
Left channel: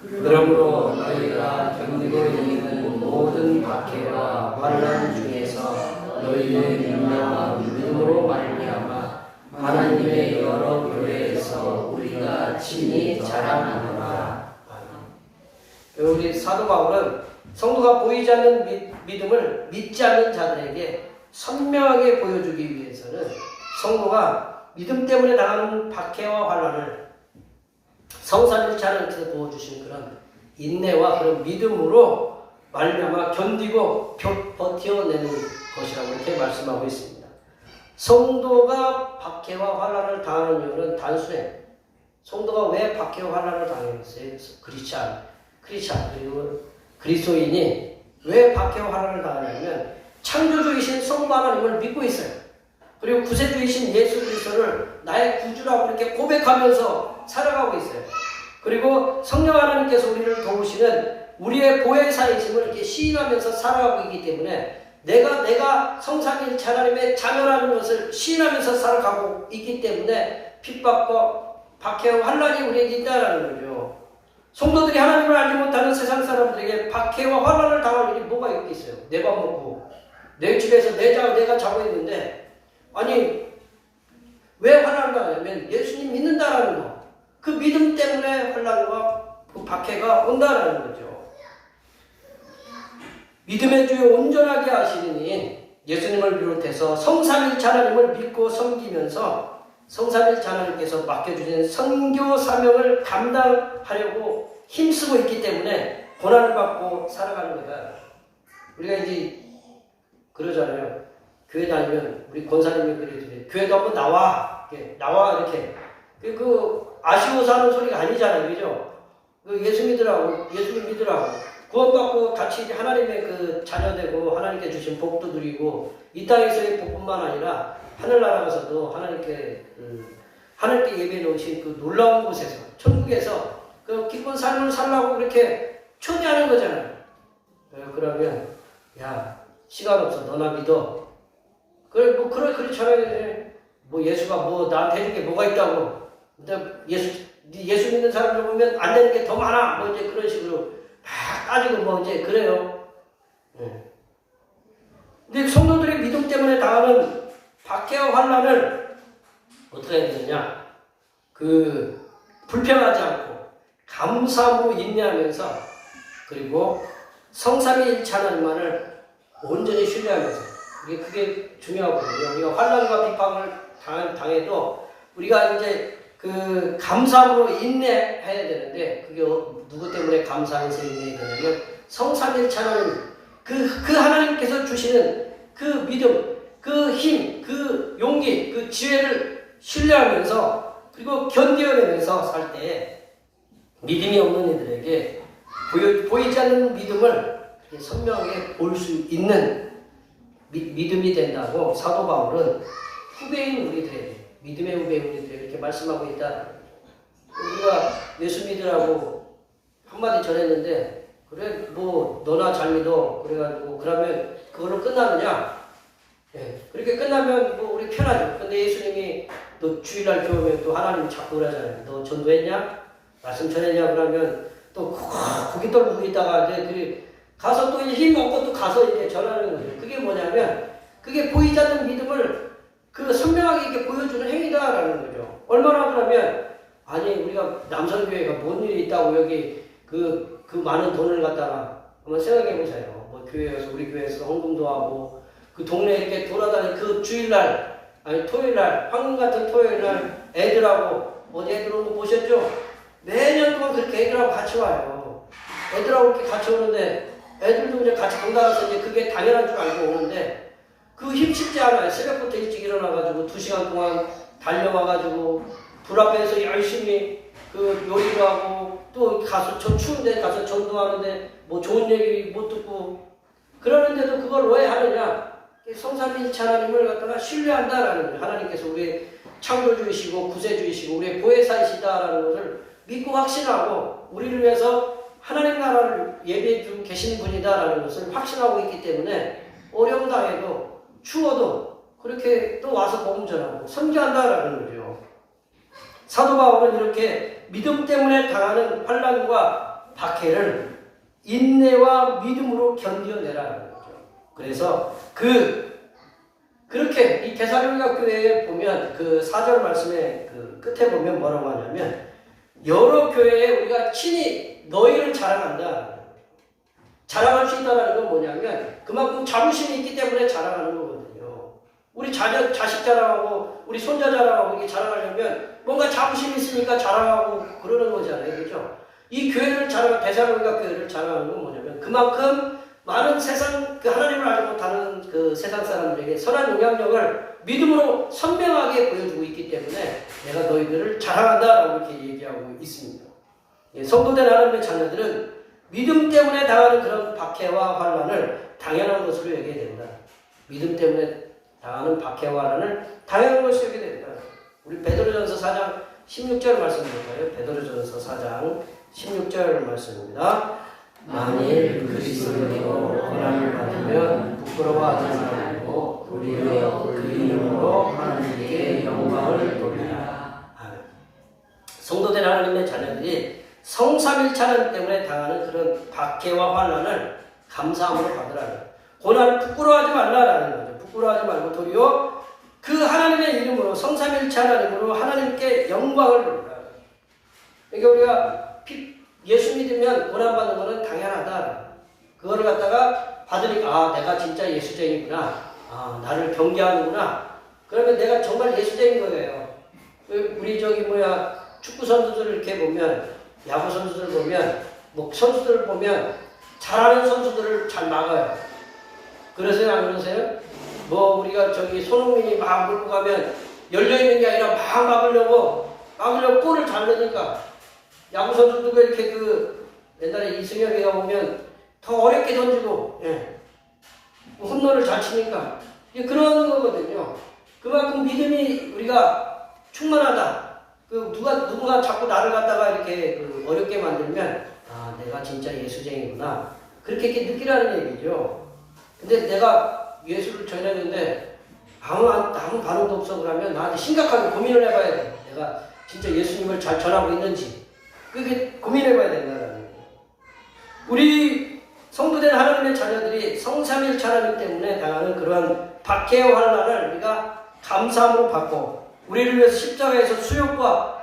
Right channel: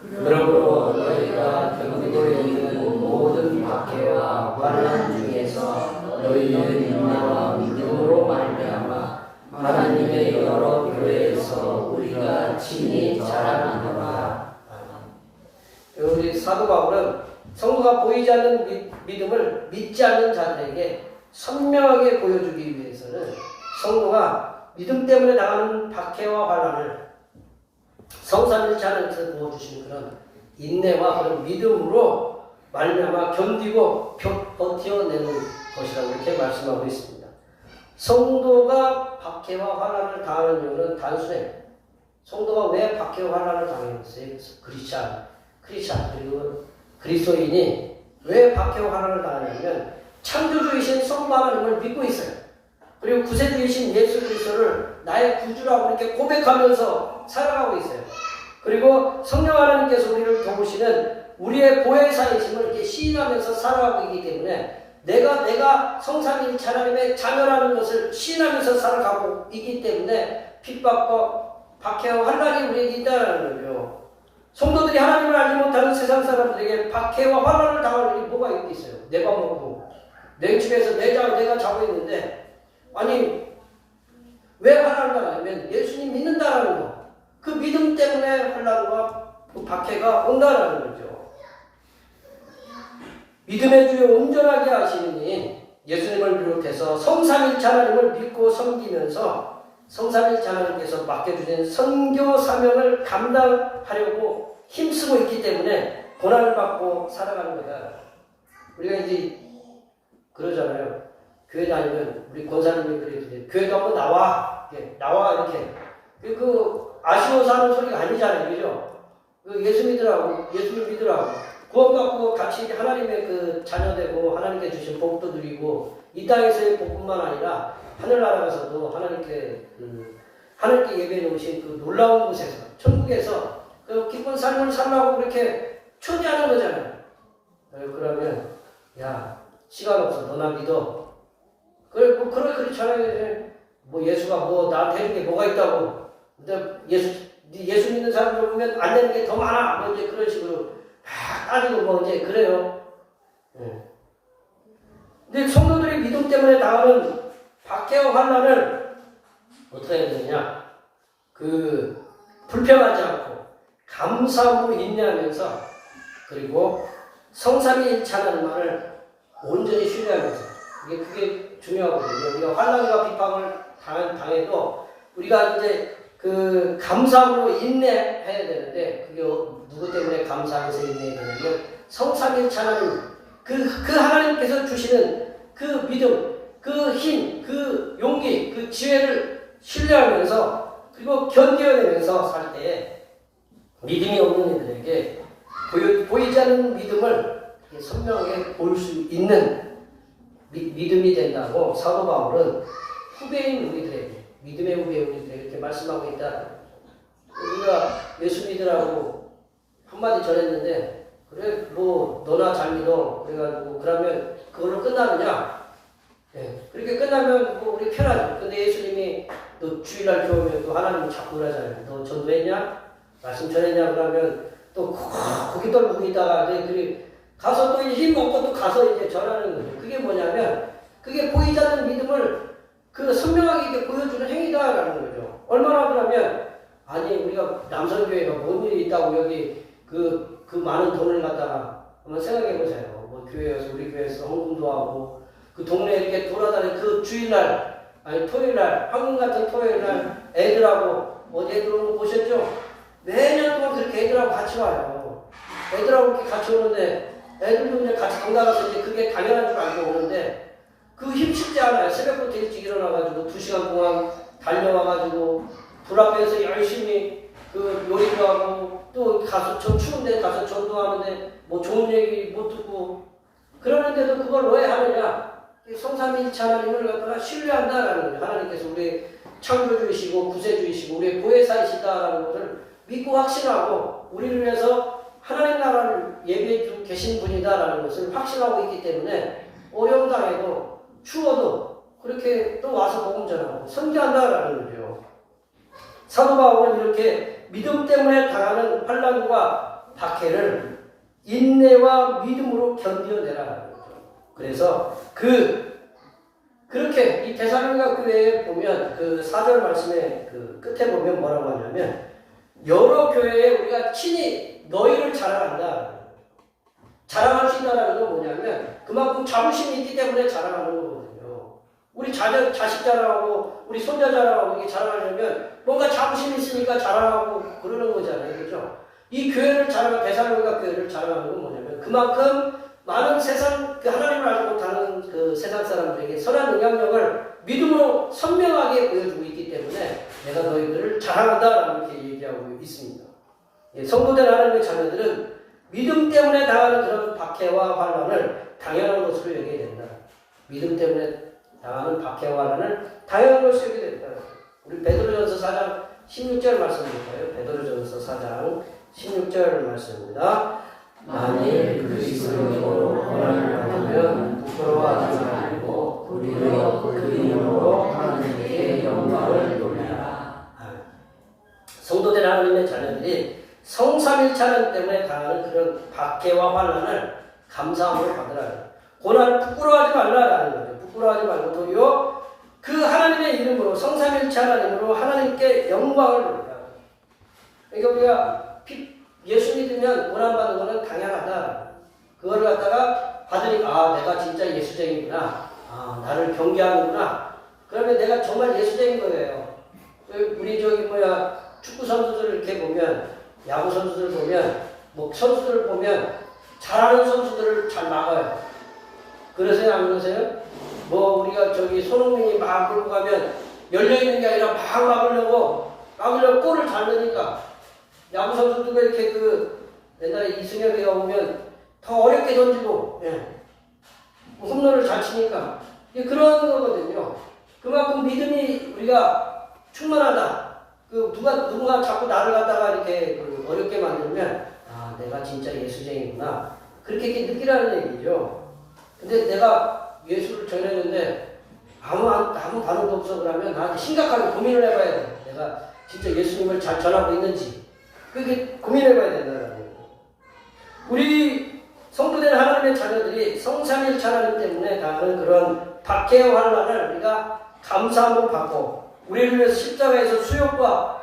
그러므로 너희가 견디고 있는 모든 박해와 환난 중에서 너희의 인내와 믿음으로 말미암아 하나님의 여러 교회에서 우리가 친히 자랑하노라. 우리 사도 바울은 성도가 보이지 않는 믿음을 믿지 않는 자들에게 선명하게 보여주기 위해서는 성도가 믿음 때문에 당하는 박해와 환난을 성삼일체 하나님께서 도와주신 그런 인내와 그런 믿음으로 말미암아 견디고 버텨내는 것이라고 이렇게 말씀하고 있습니다. 성도가 박해와 환난을 당하는 이유는 단순해. 성도가 왜 박해와 환난을 당했어요? 크리스찬 그리고 그리스도인이 왜 박해와 환난을 당하냐면 창조주이신 성부 하나님을 믿고 있어요. 그리고 구세주이신 예수 그리스도를 나의 구주라고 이렇게 고백하면서 살아가고 있어요. 그리고 성령 하나님께서 우리를 도우시는 우리의 보혜사이심을 이렇게 시인하면서 살아가고 있기 때문에 내가 성삼일체 하나님의 자녀라는 것을 시인하면서 살아가고 있기 때문에 핍박과 박해와 환난이 우리에게 있다는 거죠. 성도들이 하나님을 알지 못하는 세상 사람들에게 박해와 환난을 당할 일이 뭐가 있겠어요? 내 밥 먹고 내 집에서 내가 자고 있는데 아니 왜 환난을 당하냐면 예수님 믿는다라는 거. 그 믿음 때문에 환난과 그 박해가 온다라는 거죠. 믿음의 주여 온전하게 하시느니 예수님을 비롯해서 성삼일체 하나님을 믿고 섬기면서 성삼일체 하나님께서 맡겨주신 선교 사명을 감당하려고 힘쓰고 있기 때문에 고난을 받고 살아가는 거다. 우리가 이제 그러잖아요. 교회 다니면 우리 권사님들이 교회도 한번 나와 이렇게 아쉬워서 하는 소리가 아니잖아요, 그죠? 예수님 믿으라고 구원받고 같이 하나님의 그 자녀되고 하나님께 주신 복도 누리고 이 땅에서의 복뿐만 아니라 하늘나라 가서도 하나님께 예배 놓으신 그 놀라운 곳에서 천국에서 그 기쁜 삶을 살라고 그렇게 초대하는 거잖아요. 그러면 야 시간 없어 너나 믿어. 그래 그렇잖아요. 뭐 예수가 뭐 나한테 해준 게 뭐가 있다고. 근데 예수 믿는 사람들 보면 안 되는 게 더 많아. 뭐 이제 그런 식으로 막 따지고 뭐 이제 그래요. 근데 성도들의 믿음 때문에 당하는 박해와 환난을 어떻게 해야 되느냐? 불평하지 않고 감사함으로 인내하면서 그리고 성삼위일체 하나님만을 온전히 신뢰하면서 그게 중요하거든요. 우리가 환난과 비판을 당해도 우리가 이제 감사함으로 인내해야 되는데 그게 누구 때문에 감사하면서 인내해야 되냐면 성삼위일체 하나님 그 하나님께서 주시는 그 믿음, 그 힘, 그 용기, 그 지혜를 신뢰하면서 그리고 견뎌내면서 살 때 믿음이 없는 이들에게 보이지 않는 믿음을 선명하게 볼 수 있는 믿음이 된다고 사도 바울은 후배인 우리들에게, 믿음의 후배인 우리들에게 이렇게 말씀하고 있다. 우리가 예수 믿으라고 한마디 전했는데 그래 뭐 너나 잘 믿어 그래가지고 그러면 그걸로 끝나느냐? 네. 그렇게 끝나면 뭐 우리 편하죠. 근데 예수님이 너 주일날 교회 오면 또 하나님이 자꾸 그러잖아요. 너 전도했냐? 말씀 전했냐? 그러면 또 거기 떨고 있다가 이제 그래 가서 또 힘 얻고 또 가서 이제 전하는 거예요. 그게 뭐냐면 그게 보이지 않는 믿음을 그 선명하게 이렇게 보여주는 행위다라는 거죠. 얼마나 그러면 아니 우리가 남선교회가 뭔 일이 있다고 여기 그 많은 돈을 갖다가 한번 생각해 보세요. 뭐 교회에서 우리 교회에서 헌금도 하고 그 동네 이렇게 돌아다니는 그 주일날 아니 토요일날 황금 같은 토요일날 애들하고 어디 애들 오는 거 보셨죠? 매년 동안 그렇게 애들하고 같이 와요. 애들하고 이렇게 같이 오는데 애들도 그냥 같이 건강해서 이제 그게 당연한 줄 알고 오는데 그 힘쓰지 않아요. 새벽부터 일찍 일어나가지고 2시간 동안 달려와가지고 불 앞에서 열심히 그 요리를 하고 또 가서 저 추운데 가서 전도하는데 뭐 좋은 얘기 못 듣고 그러는데도 그걸 왜 하느냐? 성삼위일체 하나님을 갖다가 신뢰한다라는 거예요. 하나님께서 우리 창조주이시고 구세주이시고 우리의 보혜사이시다라는 것을 믿고 확신하고 우리를 위해서 하나님 나라를 예비해 주고 계신 분이다라는 것을 확신하고 있기 때문에 어려움 당해도 추워도 그렇게 또 와서 복음 전하고 선교한다라는 거죠. 사도 바울은 이렇게 믿음 때문에 당하는 환난과 박해를 인내와 믿음으로 견뎌내라는 거죠. 그래서 그렇게 이 데살로니가 교회에 보면 그 4절 말씀의 그 끝에 보면 뭐라고 하냐면 여러 교회에 우리가 친히 너희를 자랑한다. 자랑할 수 있다는 건 뭐냐면 그만큼 자부심이 있기 때문에 자랑하는 거거든요. 우리 자식 자랑하고 우리 손자 자랑하고 이게 자랑하려면 뭔가 자부심이 있으니까 자랑하고 그러는 거잖아요. 그렇죠? 이 교회를 데살로니가 교회를 자랑하는 건 뭐냐면 그만큼 많은 세상 그 하나님을 알지 못하는 그 세상 사람들에게 선한 영향력을 믿음으로 선명하게 보여주고 있기 때문에 내가 너희들을 자랑한다라고 이렇게 얘기하고 있습니다. 예, 성도된 하나님의 자녀들은 믿음 때문에 당하는 그런 박해와 환난을 당연한 것으로 여겨야 된다. 믿음 때문에 당하는 박해와 환난을 당연한 것으로 여겨야 된다. 우리 베드로전서 4장 16절 말씀 볼까요? 베드로전서 4장 16절 말씀입니다. 만일 그리스도로 고난을 받으면 부끄러워하지 말고 도리어 그 이름으로 하나님께 영광을 돌리라. 성도된 하나님의 자녀들이 성삼일체 하나님 때문에 당하는 그런 박해와 환난을 감사함으로 받으라. 고난을 부끄러워하지 말라라는 거죠. 부끄러워하지 말고 도리어 그 하나님의 이름으로 성삼일체 하나님으로 하나님께 영광을 돌리라. 그러니까 우리가 예수 믿으면 고난받는 것은 당연하다. 그걸 갖다가 받으니까 내가 진짜 예수쟁이구나. 나를 경계하는구나. 그러면 내가 정말 예수쟁인 거예요. 우리 축구 선수들 이렇게 보면 야구 선수들 보면 뭐 선수들 보면 잘하는 선수들을 잘 막아요. 그러세요? 안 그러세요? 뭐 우리가 손흥민이 막 몰고 가면 열려있는 게 아니라 막 막으려고 골을 잘 넣으니까 야구 선수들도 이렇게 옛날에 이승엽이가 보면 더 어렵게 던지고, 홈런을 잘 치니까. 그런 거거든요. 그만큼 믿음이 우리가 충만하다. 누군가 자꾸 나를 갖다가 이렇게 어렵게 만들면, 내가 진짜 예수쟁이구나. 그렇게 느끼라는 얘기죠. 근데 내가 예수를 전했는데, 아무 반응도 없어 그러면 나한테 심각하게 고민을 해봐야 돼. 내가 진짜 예수님을 잘 전하고 있는지. 그게 고민해봐야 된다는 거예요. 우리 성도된 하나님의 자녀들이 성삼일체 하나님 때문에 당하는 그런 박해와 환난을 우리가 감사함으로 받고 우리를 위해서 십자가에서 수욕과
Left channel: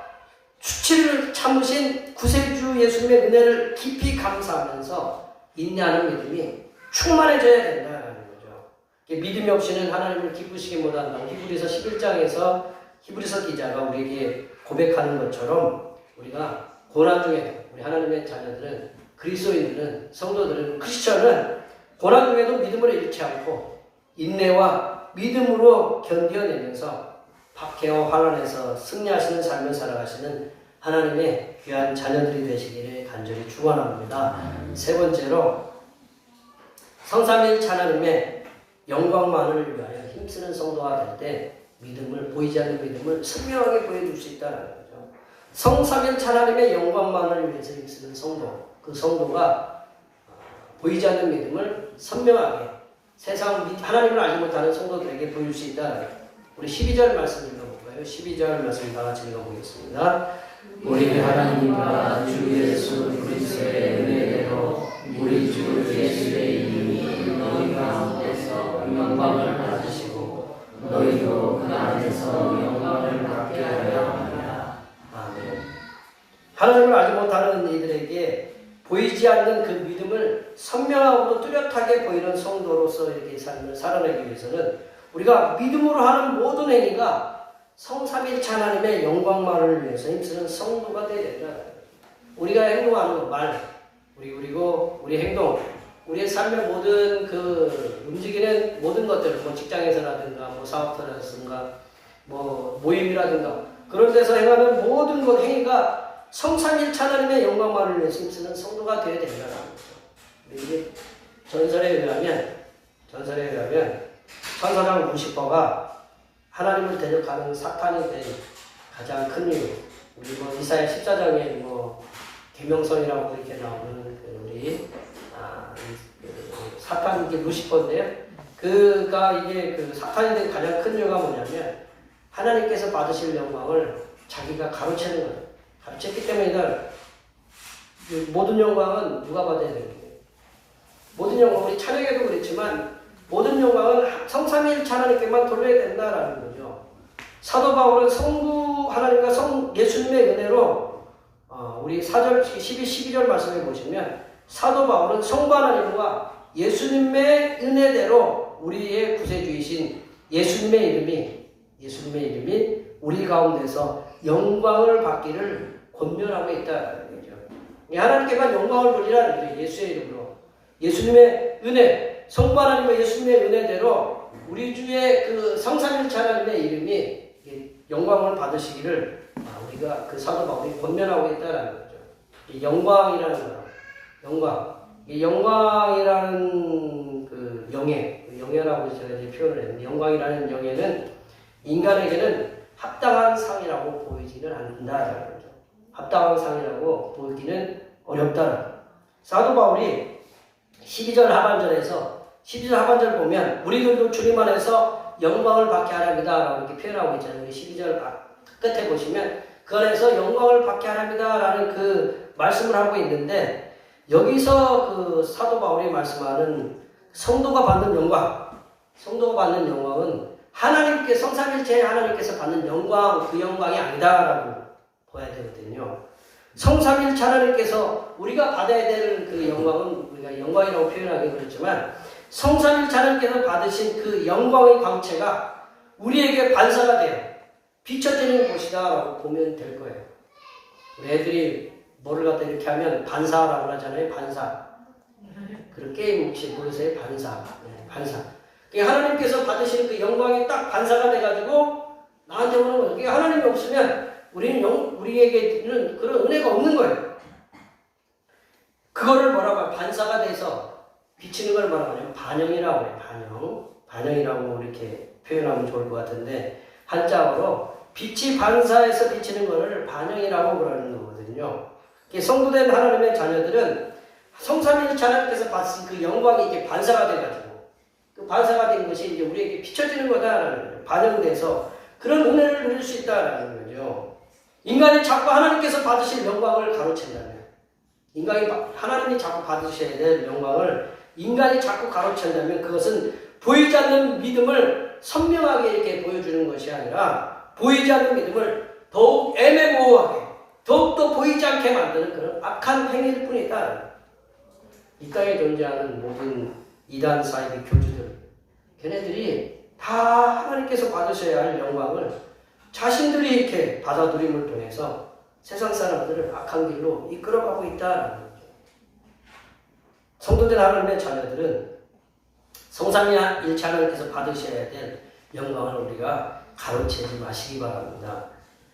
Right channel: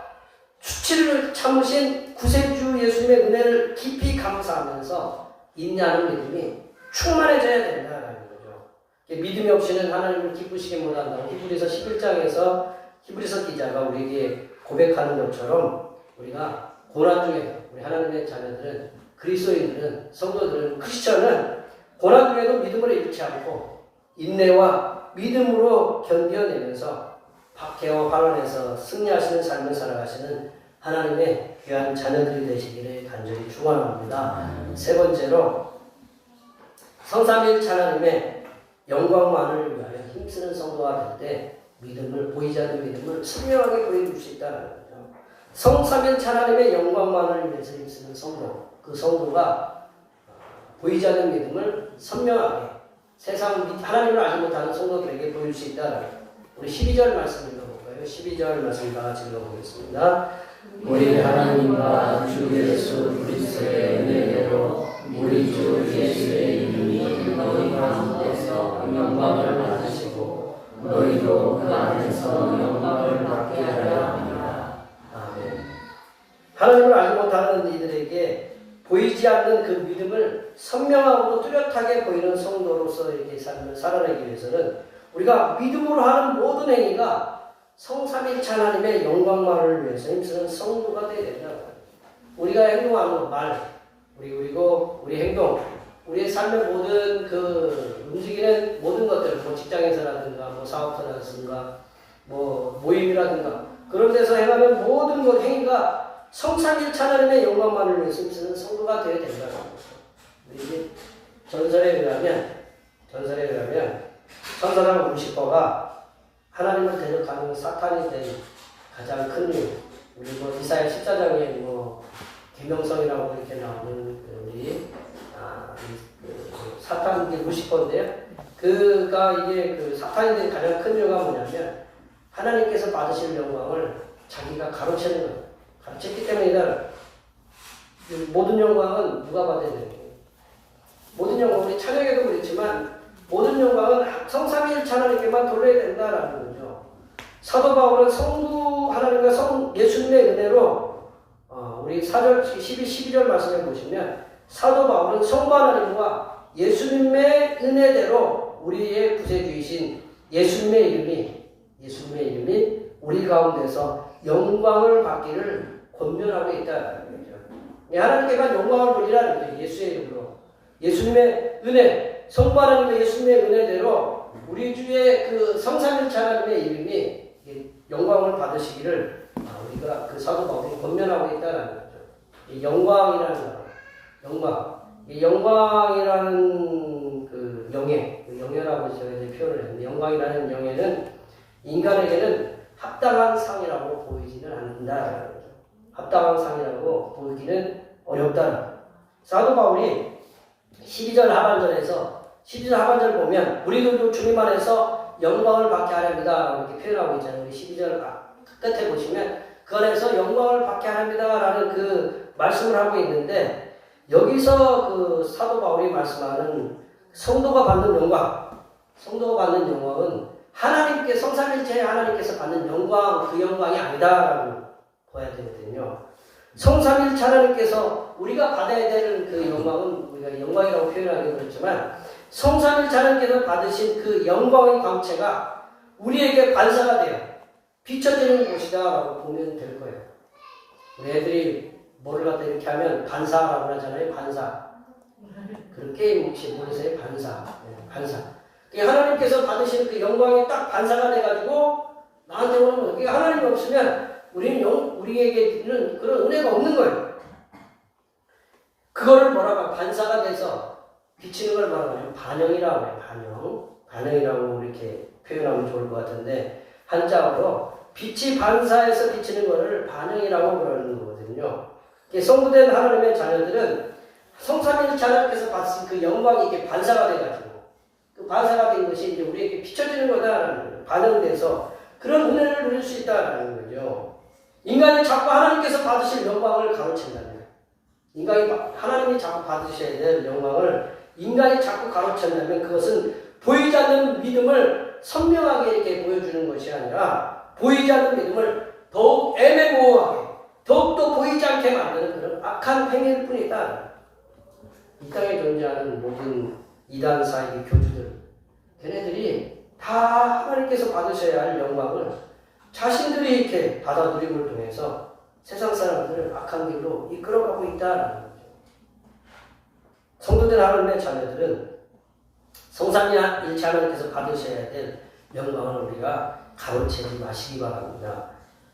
수치를 참으신 구세주 예수님의 은혜를 깊이 감사하면서 인내하는 믿음이 충만해져야 된다는 거죠. 믿음이 없이는 하나님을 기쁘시게 못한다고 히브리서 11장에서 히브리서 기자가 우리에게 고백하는 것처럼 우리가 고난 중에 우리 하나님의 자녀들은 그리스도인들은 성도들은 크리스천은 고난 중에도 믿음으로 잃지 않고 인내와 믿음으로 견뎌내면서 박해와 환란에서 승리하시는 삶을 살아가시는 하나님의 귀한 자녀들이 되시기를 간절히 축원합니다. 세 번째로 성삼일체 하나님의 영광만을 위하여 힘쓰는 성도가 될 때 믿음을 보이지 않는 믿음을 선명하게 보여줄 수 있다는 거죠. 성삼일체 하나님의 영광만을 위해서 힘쓰는 성도, 그 성도가 보이지 않는 믿음을 선명하게 세상 하나님을 알지 못하는 성도들에게 보일 수 있다. 우리 12절 말씀 읽어볼까요? 12절 말씀 다 같이 읽어보겠습니다. 우리 하나님과 주 예수 그리스도의 은혜로 우리 주 예수의 이름이 너희 가운데서 영광을 받으시고 너희도 그 안에서 영광을 받게 하려 합니다. 아멘. 하나님을 알지 못하는 이들에게 보이지 않는 그 믿음을 선명하고 뚜렷하게 보이는 성도로서 이렇게 삶을 살아내기 위해서는 우리가 믿음으로 하는 모든 행위가 성삼일체 하나님의 영광만을 위해서 힘쓰는 성도가 되어야 된다. 우리가 행동하는 말, 그리고 우리 행동, 우리의 삶의 모든 그 움직이는 모든 것들, 뭐 직장에서라든가, 뭐 사업터라든가, 뭐 모임이라든가 그런 데서 행하는 모든 것 행위가 성삼일체 하나님의 영광만을 위해서 힘쓰는 성도가 되어야 된다는 거죠. 우리 전설에 의하면 천사장 루시퍼가 하나님을 대적하는 사탄이 된 가장 큰 이유, 우리 뭐 이사야 14장에 뭐 계명성이라고 이렇게 나오는 우리 사탄이 루시퍼인데요. 그가 이게 그 사탄이 된 가장 큰 이유가 뭐냐면 하나님께서 받으실 영광을 자기가 가로채는 거예요. 가르쳤기 때문이다. 모든 영광은 누가 받아야 되는 거예요? 모든 영광, 우리 찬양에도 그랬지만 모든 영광은 성삼위일체 하나님께만 돌려야 된다라는 거죠. 사도 바울은 성부 하나님과 예수님의 은혜로 우리 4절, 12절 말씀해 보시면 사도 바울은 성부 하나님과 예수님의 은혜대로 우리의 구세주이신 예수님의 이름이 우리 가운데서 영광을 받기를 권면하고 있다는 거죠. 하나님께만 영광을 돌리라는 거죠. 예수의 이름으로. 예수님의 은혜, 성부 하나님과 예수님의 은혜대로 우리 주의 그 성삼일체 하나님의 이름이 영광을 받으시기를 우리가 그 사도 바울이 권면하고 있다는 거죠. 이 영광이라는 거, 영광이라는 그 영예라고 제가 이제 표현을 했는데 영광이라는 영예는 인간에게는 합당한 상이라고 보이지는 않는다라는 거죠. 합당한 상이라고 보기는 어렵다. 사도 바울이 12절 하반절 보면 우리들도 주님 안에서 영광을 받게 하랍니다 라고 이렇게 표현하고 있잖아요. 우리 12절 끝에 보시면 그 안에서 영광을 받게 하랍니다 라는 그 말씀을 하고 있는데 여기서 그 사도 바울이 말씀하는 성도가 받는 영광은 하나님께 성삼일체 하나님께서 받는 영광, 그 영광이 아니다라고 봐야 되거든요. 성삼일체 하나님께서 우리가 받아야 되는 그 영광은 우리가 영광이라고 표현하기 그렇지만 성삼일체 하나님께서 받으신 그 영광의 광채가 우리에게 반사가 돼요. 비춰지는 곳이다라고 보면 될 거예요. 우리 애들이 뭐를 갖다 이렇게 하면 반사라고 하잖아요. 반사. 그 게임 혹시 모르세요? 반사. 하나님께서 받으신 그 영광이 딱 반사가 돼가지고 나한테 오는 거예요. 하나님이 없으면 우리에게는 그런 은혜가 없는 거예요. 그거를 뭐라고 반사가 돼서 비치는 걸 뭐라고 하냐면 반영이라고 해요. 반영이라고 이렇게 표현하면 좋을 것 같은데 한자어로 빛이 반사해서 비치는 거를 반영이라고 그러는 거거든요. 성부된 하나님의 자녀들은 성삼일체 하나님께서 받으신 그 영광이 이렇게 반사가 돼가지고 그 반사가 된 것이 이제 우리에게 비춰지는 거다라는 거예요. 반영돼서 그런 은혜를 누릴 수 있다라는 거죠. 인간이 자꾸 하나님께서 받으실 영광을 가로챈다면, 하나님이 자꾸 받으셔야 될 영광을 인간이 자꾸 가로챈다면 그것은 보이지 않는 믿음을 선명하게 이렇게 보여주는 것이 아니라 보이지 않는 믿음을 더욱 애매모호하게 더욱더 보이지 않게 만드는 그런 악한 행위일 뿐이다. 이 땅에 존재하는 모든 이단 사이비 교주들, 걔네들이 다 하나님께서 받으셔야 할 영광을 자신들이 이렇게 받아들임을 통해서 세상 사람들을 악한 길로 이끌어가고 있다는 거죠. 성도된 하나님의 자녀들은 성삼위일체 하나님께서 받으셔야 될 영광을 우리가 가로채지 마시기 바랍니다.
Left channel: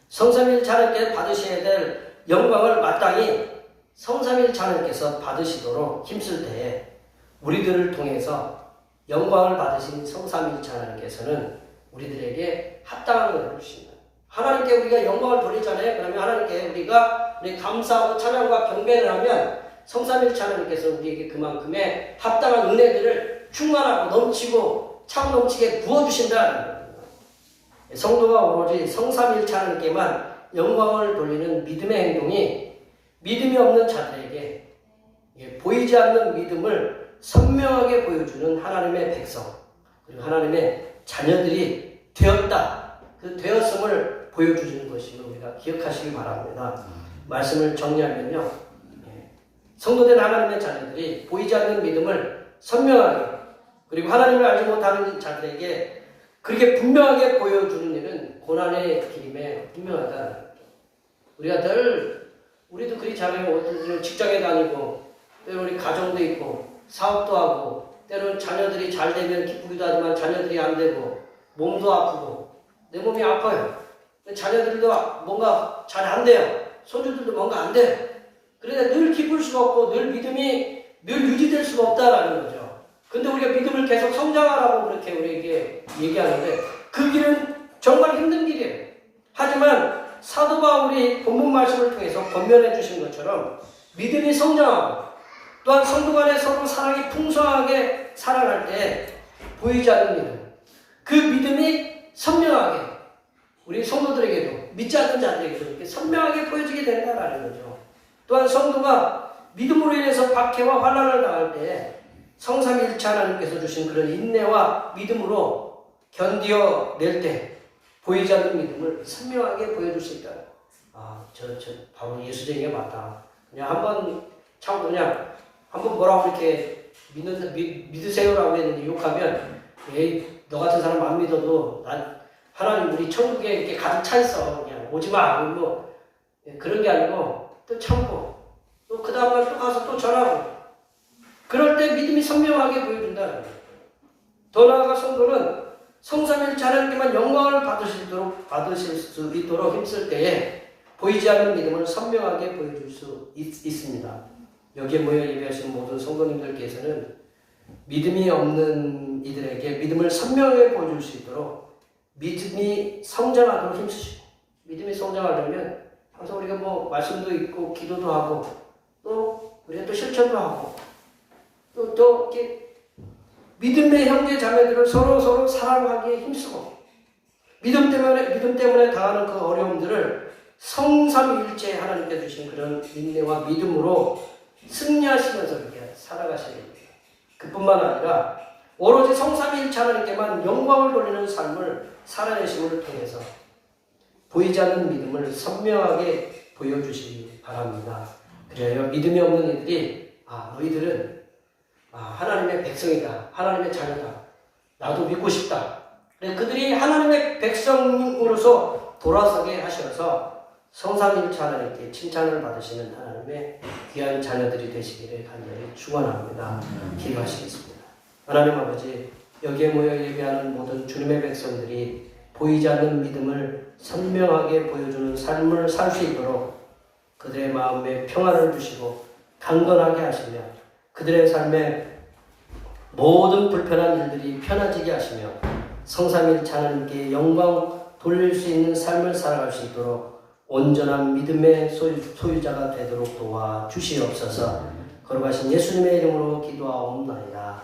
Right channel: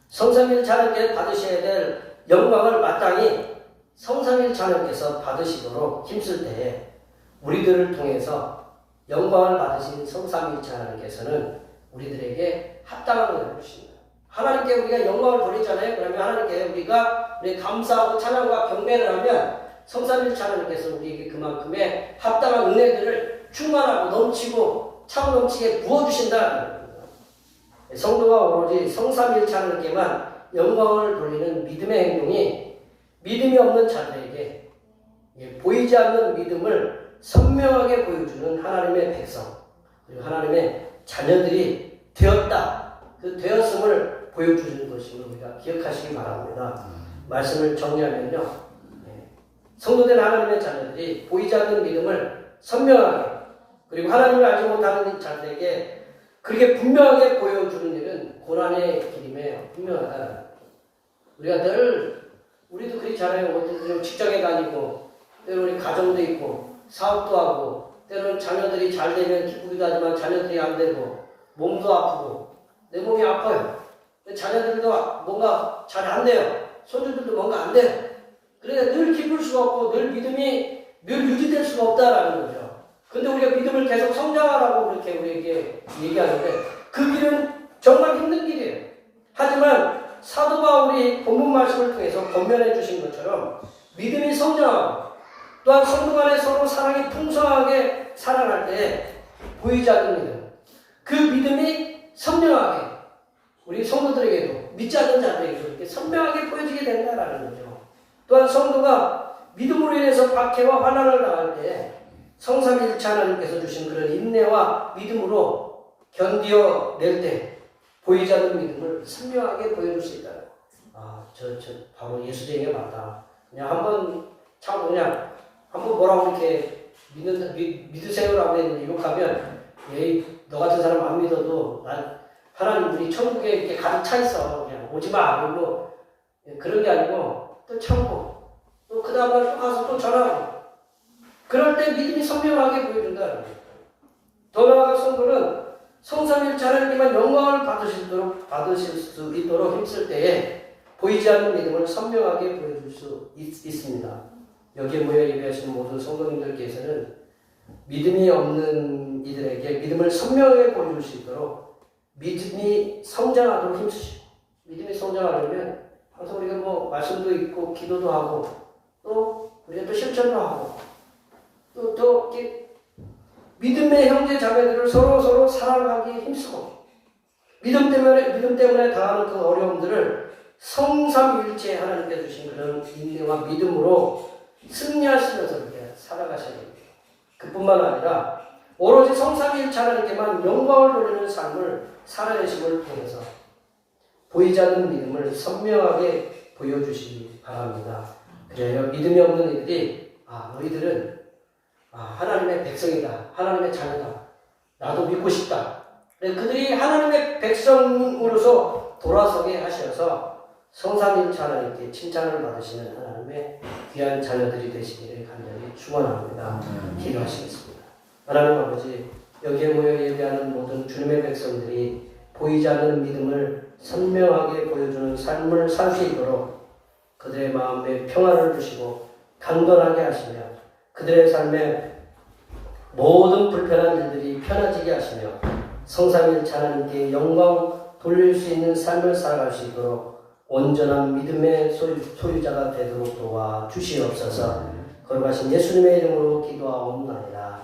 성삼일 자녀께 받으셔야 될 영광을 마땅히 성삼일 자녀께서 받으시도록 힘쓸 때에 우리들을 통해서 영광을 받으신 성삼일 자녀께서는 우리들에게 합당한 것을 주십니다. 하나님께 우리가 영광을 돌리잖아요. 그러면 하나님께 우리가 감사하고 찬양과 경배를 하면 성삼일 자녀께서 우리에게 그만큼의 합당한 은혜들을 충만하고 넘치고 참 넘치게 부어주신다. 성도가 오로지 성삼일 자녀께만 영광을 돌리는 믿음의 행동이 믿음이 없는 자들에게 보이지 않는 믿음을 선명하게 보여주는 하나님의 백성, 그리고 하나님의 자녀들이 되었다. 그 되었음을 보여주는 것임을 우리가 기억하시기 바랍니다. 말씀을 정리하면요. 성도된 하나님의 자녀들이 보이지 않는 믿음을 선명하게, 그리고 하나님을 알지 못하는 자들에게 그렇게 분명하게 보여주는 일은 고난의 길임에 분명하다. 우리가 늘 우리도 그렇잖아요. 직장에 다니고 때로는 우리 가정도 있고 사업도 하고 때로는 자녀들이 잘 되면 기쁘기도 하지만 자녀들이 안 되고 몸도 아프고 내 몸이 아파요. 자녀들도 뭔가 잘 안 돼요. 손주들도 뭔가 안 돼요. 그래서 늘 기쁠 수가 없고 늘 믿음이 늘 유지될 수가 없다라는 거죠. 근데 우리가 믿음을 계속 성장하라고 그렇게 우리에게 얘기하는데 그 길은 정말 힘든 길이에요. 하지만 사도 바울이 본문 말씀을 통해서 권면해 주신 것처럼 믿음이 성장하고 또한 성도 간에 서로 사랑이 풍성하게 사랑할 때 보이지 않는 믿음, 그 믿음이 선명하게 우리 성도들에게도 믿지 않는 자들에게도 이렇게 선명하게 보여지게 된다라는 거죠. 또한 성도가 믿음으로 인해서 박해와 환난을 당할 때 성삼일체 하나님께서 주신 그런 인내와 믿음으로 견디어낼 때 보이지 않는 믿음을 선명하게 보여줄 수 있다. 저 바로 예수쟁이가 맞다. 그냥 한번 참고 그냥 한번 뭐라고 이렇게 믿으세요라고 했는데 욕하면 에이 너 같은 사람 안 믿어도 난 하나님 우리 천국에 이렇게 가득 차 있어. 그냥 오지 마. 뭐 그런 게 아니고 또 참고 또 그 다음날 또 가서 또 전하고 그럴 때 믿음이 선명하게 보여준다. 더 나아가 성도는 성삼일체 하나님께만 영광을 받으실 수 있도록 힘쓸 때에 보이지 않는 믿음을 선명하게 보여줄 수 있습니다. 여기에 모여 예배하신 모든 성도님들께서는 믿음이 없는 이들에게 믿음을 선명하게 보여줄 수 있도록 믿음이 성장하도록 힘쓰시고, 믿음이 성장하려면 항상 우리가 뭐 말씀도 있고 기도도 하고 또 우리가 또 실천도 하고 또 이렇게 믿음의 형제 자매들을 서로 사랑하기에 힘쓰고 믿음 때문에 당하는 그 어려움들을 성삼일체 하나님께 주신 그런 인내와 믿음으로 승리하시면서 이렇게 살아가셔야 됩니다. 그뿐만 아니라 오로지 성삼일체 하나님께만 영광을 돌리는 삶을 살아내심을 통해서 보이지 않는 믿음을 선명하게 보여주시기 바랍니다. 그래야 믿음이 없는 이들이 너희들은 하나님의 백성이다. 하나님의 자녀다. 나도 믿고 싶다. 그들이 하나님의 백성으로서 돌아서게 하셔서 성삼일체 하나님께 칭찬을 받으시는 하나님의 귀한 자녀들이 되시기를 간절히 축원합니다. 기도하시겠습니다. 하나님 아버지, 여기에 모여 예배하는 모든 주님의 백성들이 보이지 않는 믿음을 선명하게 보여주는 삶을 살 수 있도록 그들의 마음에 평안을 주시고 강건하게 하시며 그들의 삶에 모든 불편한 일들이 편해지게 하시며 성삼일체 하나님께 영광 돌릴 수 있는 삶을 살아갈 수 있도록 온전한 믿음의 소유자가 되도록 도와 주시옵소서. 거룩하신 예수님의 이름으로 기도하옵나이다.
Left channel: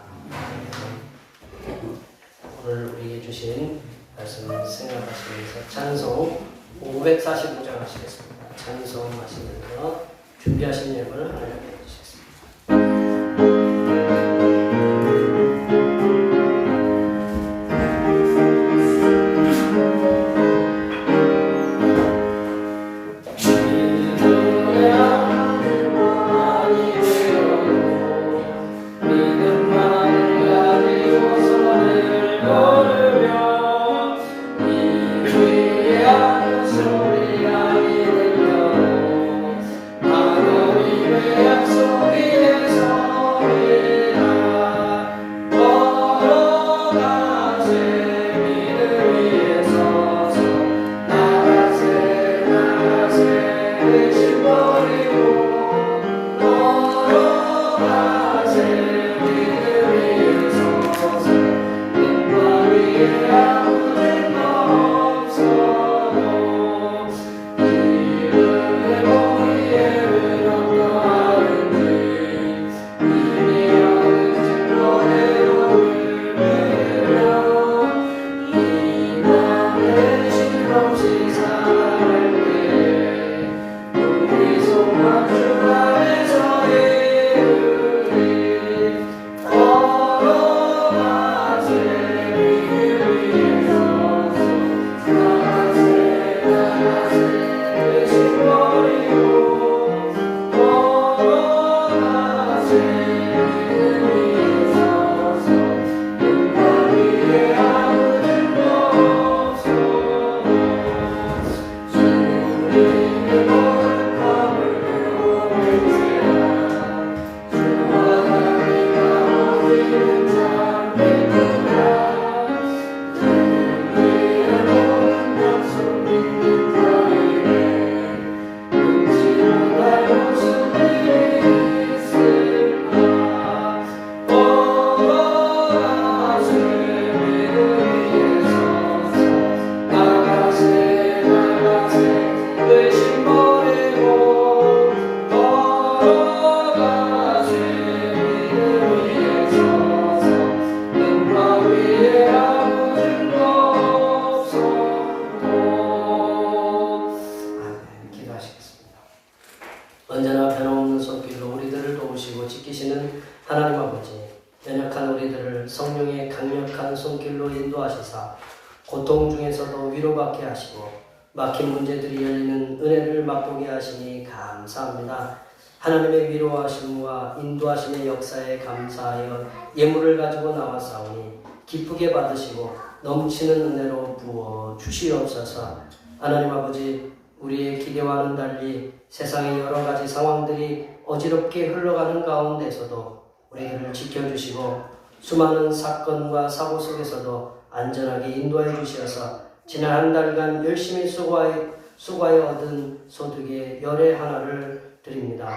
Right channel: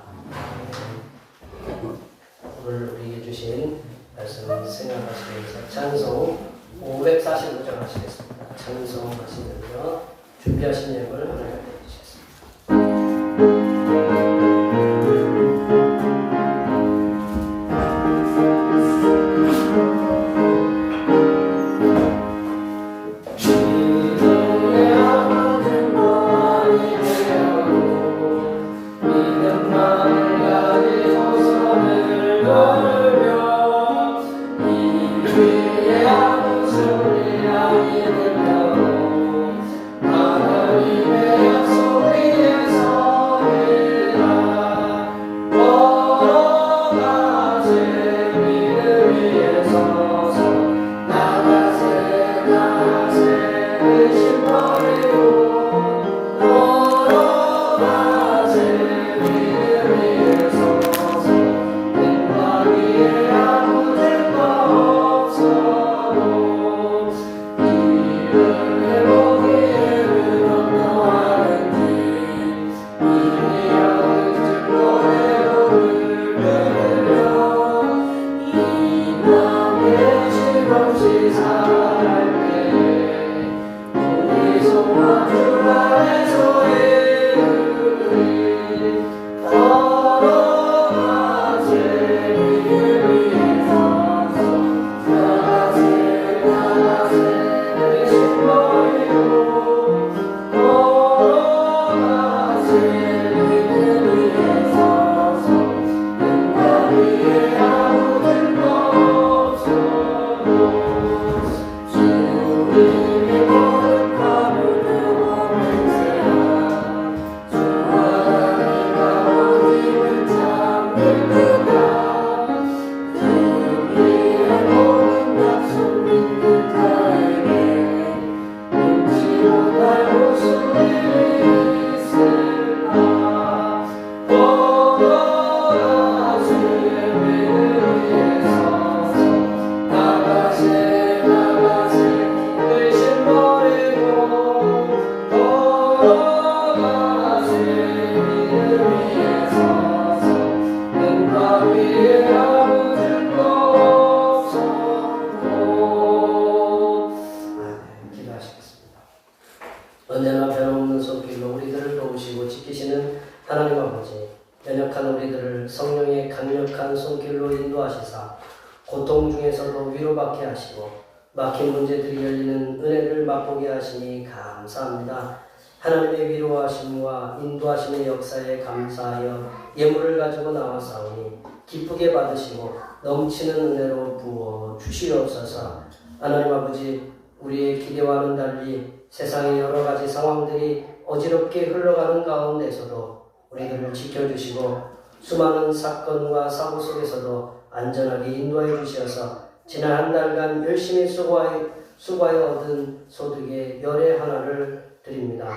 오늘 우리에게 주신 말씀을 생각하시면서 찬송 545장 하시겠습니다. 찬송하시면서 준비하신 예물을 하나님께 해주셨습니다. 소리 아이 들려 하나님의 언제나 변함없는 손길로 우리들을 도우시고 지키시는 하나님 아버지, 연약한 우리들을 성령의 강력한 손길로 인도하시사 고통 중에서도 위로받게 하시고 막힌 문제들이 열리는 은혜를 맛보게 하시니 감사합니다. 하나님의 위로하심과 인도하심의 역사에 감사하여 예물을 가지고 나와사오니 기쁘게 받으시고 넘치는 은혜로 부어 주시옵소서. 하나님 아버지, 우리의 기대와는 달리 세상의 여러 가지 상황들이 어지럽게 흘러가는 가운데서도 우리들을 지켜주시고 수많은 사건과 사고 속에서도 안전하게 인도해 주셔서 지난 한 달간 열심히 수고하여 얻은 소득의 열의 하나를 드립니다.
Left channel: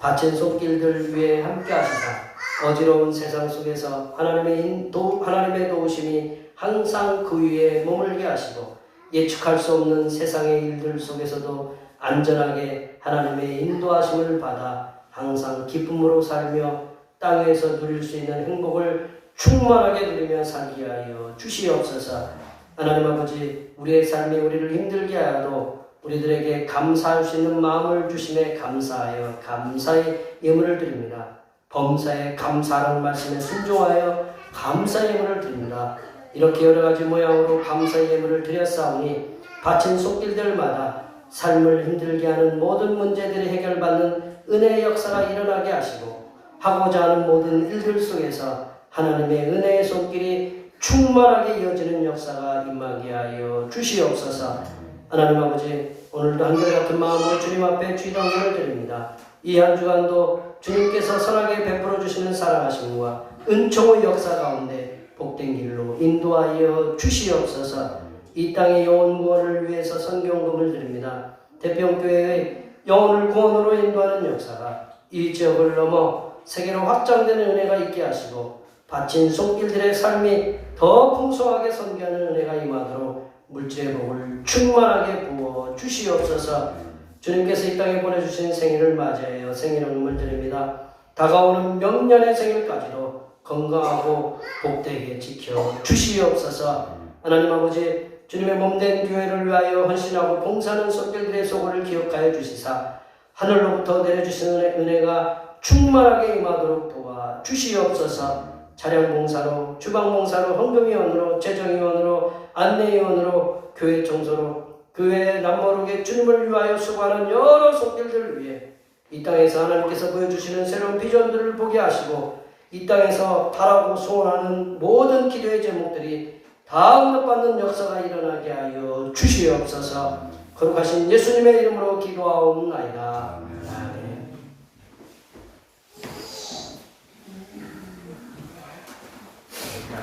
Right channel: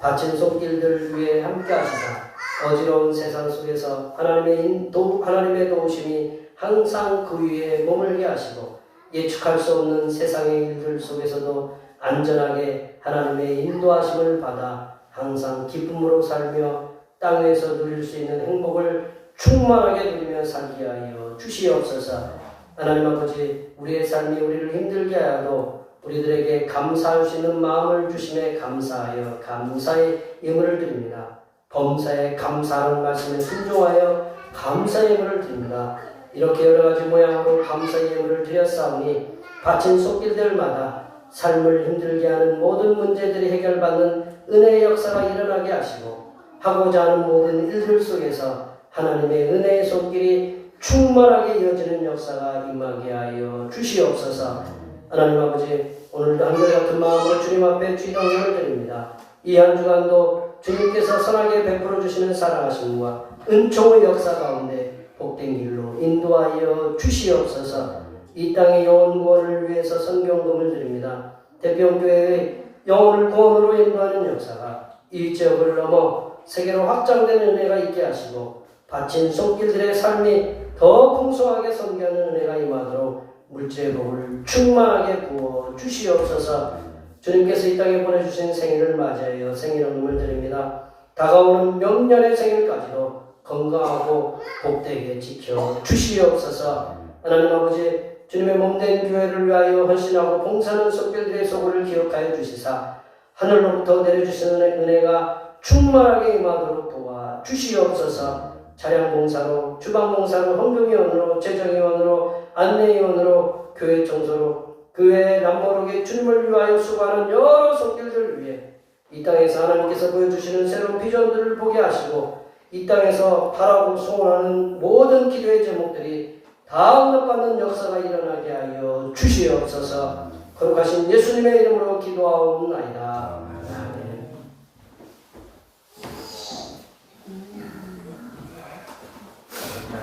바친 손길들 위에 함께 하시사 어지러운 세상 속에서 하나님의 도우심이 항상 그 위에 머물게 하시고 예측할 수 없는 세상의 일들 속에서도 안전하게 하나님의 인도하심을 받아 항상 기쁨으로 살며 땅에서 누릴 수 있는 행복을 충만하게 누리며 살게 하여 주시옵소서. 하나님 아버지, 우리의 삶이 우리를 힘들게 하여도 우리들에게 감사할 수 있는 마음을 주심에 감사하여 감사의 예물을 드립니다. 범사에 감사하는 말씀에 순종하여 감사의 예물을 드립니다. 이렇게 여러 가지 모양으로 감사의 예물을 드렸사오니 바친 손길들마다 삶을 힘들게 하는 모든 문제들이 해결받는 은혜의 역사가 일어나게 하시고 하고자 하는 모든 일들 속에서 하나님의 은혜의 손길이 충만하게 이어지는 역사가 임하게 하여 주시옵소서. 하나님 아버지, 오늘도 한결같은 마음으로 주님 앞에 주의동을 드립니다. 이 한 주간도 주님께서 선하게 베풀어 주시는 사랑하심과 은총의 역사 가운데 복된 길로 인도하여 주시옵소서. 이 땅의 영혼 구원을 위해서 선경금을 드립니다. 대평교회의 영혼을 구원으로 인도하는 역사가 이 지역을 넘어 세계로 확장되는 은혜가 있게 하시고 바친 손길들의 삶이 더 풍성하게 섬기하는 은혜가 임하도록 물질의 복을 충만하게 부어 주시옵소서. 주님께서 이 땅에 보내주신 생일을 맞이하여 생일응원을 드립니다. 다가오는 명년의 생일까지도 건강하고 복되게 지켜 주시옵소서. 하나님 아버지, 주님의 몸된 교회를 위하여 헌신하고 봉사하는 손길들의 소고를 기억하여 주시사 하늘로부터 내려주시는 은혜가 충만하게 임하도록 도와 주시옵소서. 차량 봉사로, 주방 봉사로, 헌금위원으로, 재정위원으로, 안내위원으로, 교회 청소로, 교회 남모르게 주님을 위하여 수고하는 여러 손길들을 위해 이 땅에서 하나님께서 보여주시는 새로운 비전들을 보게 하시고 이 땅에서 바라고 소원하는 모든 기도의 제목들이 다 응답받는 역사가 일어나게 하여 주시옵소서. 거룩하신 예수님의 이름으로 기도하옵나이다. 아멘.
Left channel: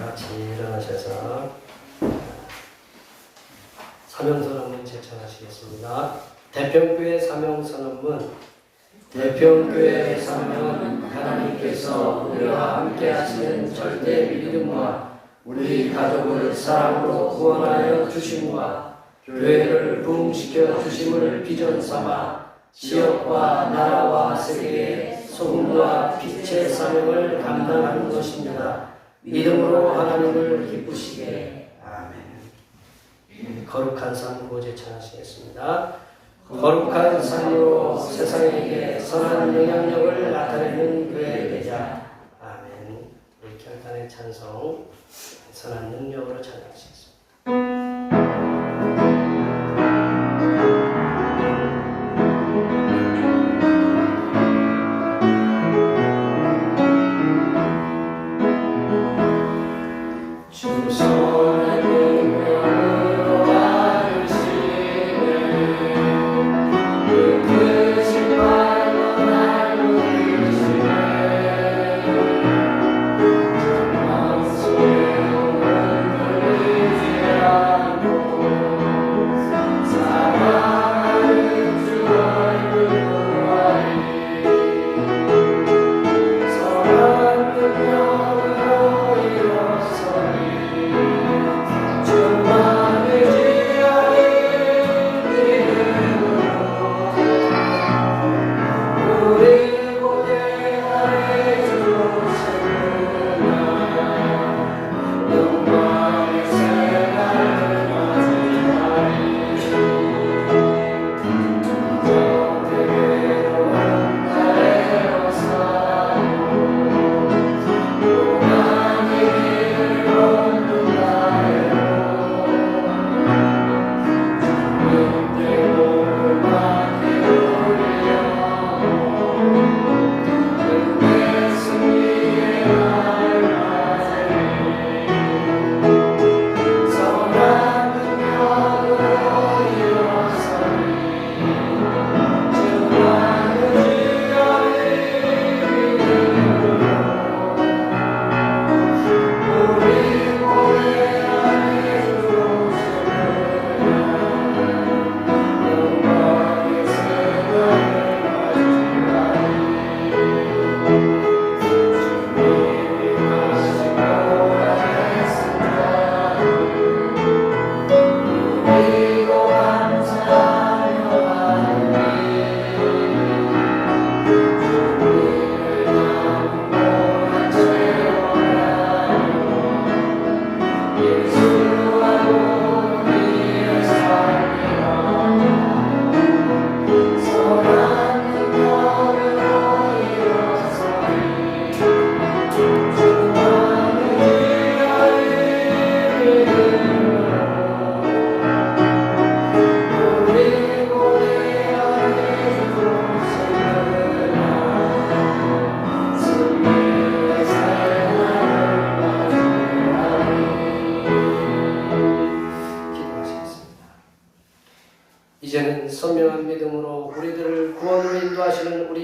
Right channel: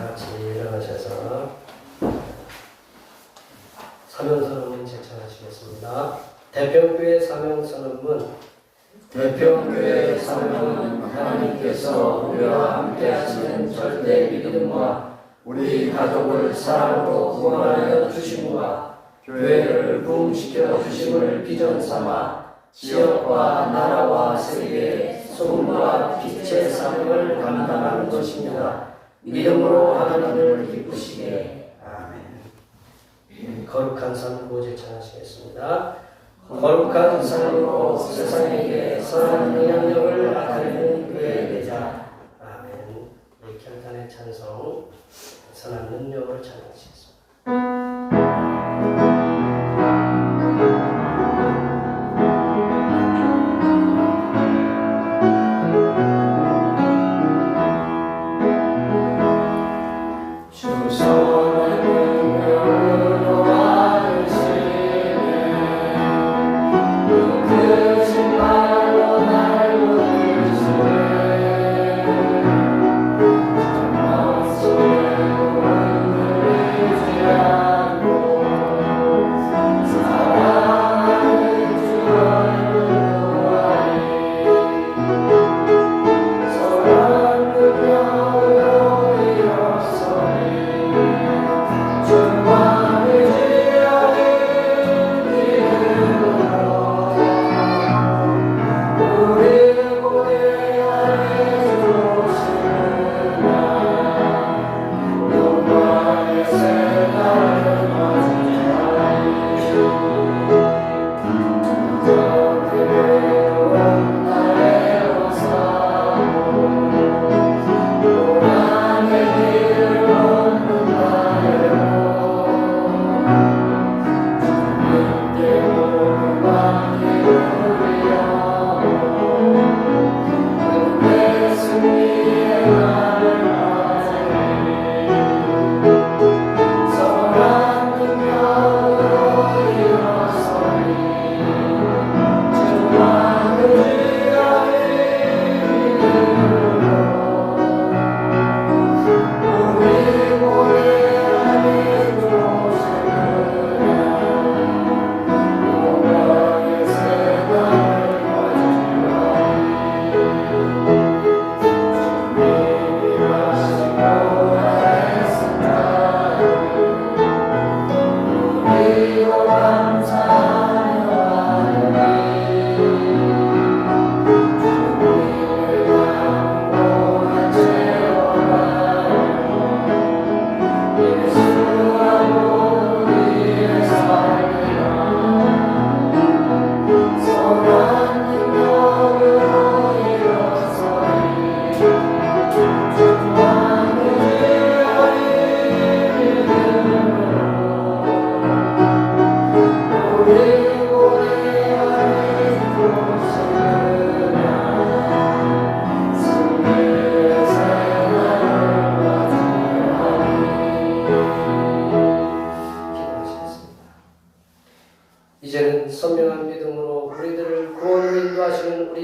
같이 일어나셔서 사명선언문 제청하시겠습니다. 대평교회 사명선언문. 대평교회의 사명은 하나님께서 우리와 함께 하시는 절대 믿음과 우리 가족을 사랑으로 구원하여 주심과 교회를 부흥시켜 주심을 비전 삼아 지역과 나라와 세계에 소금과 빛의 사명을 감당하는 것입니다. 믿음으로 하나님을 기쁘시게. 거룩한 삶 구호 제청하시겠습니다. 거룩한 삶으로 세상에게 선한 영향력을 나타내는 교회의 대자. 아멘. 우리 결단의 찬송 선한 능력으로 찬양하시겠습니다. 주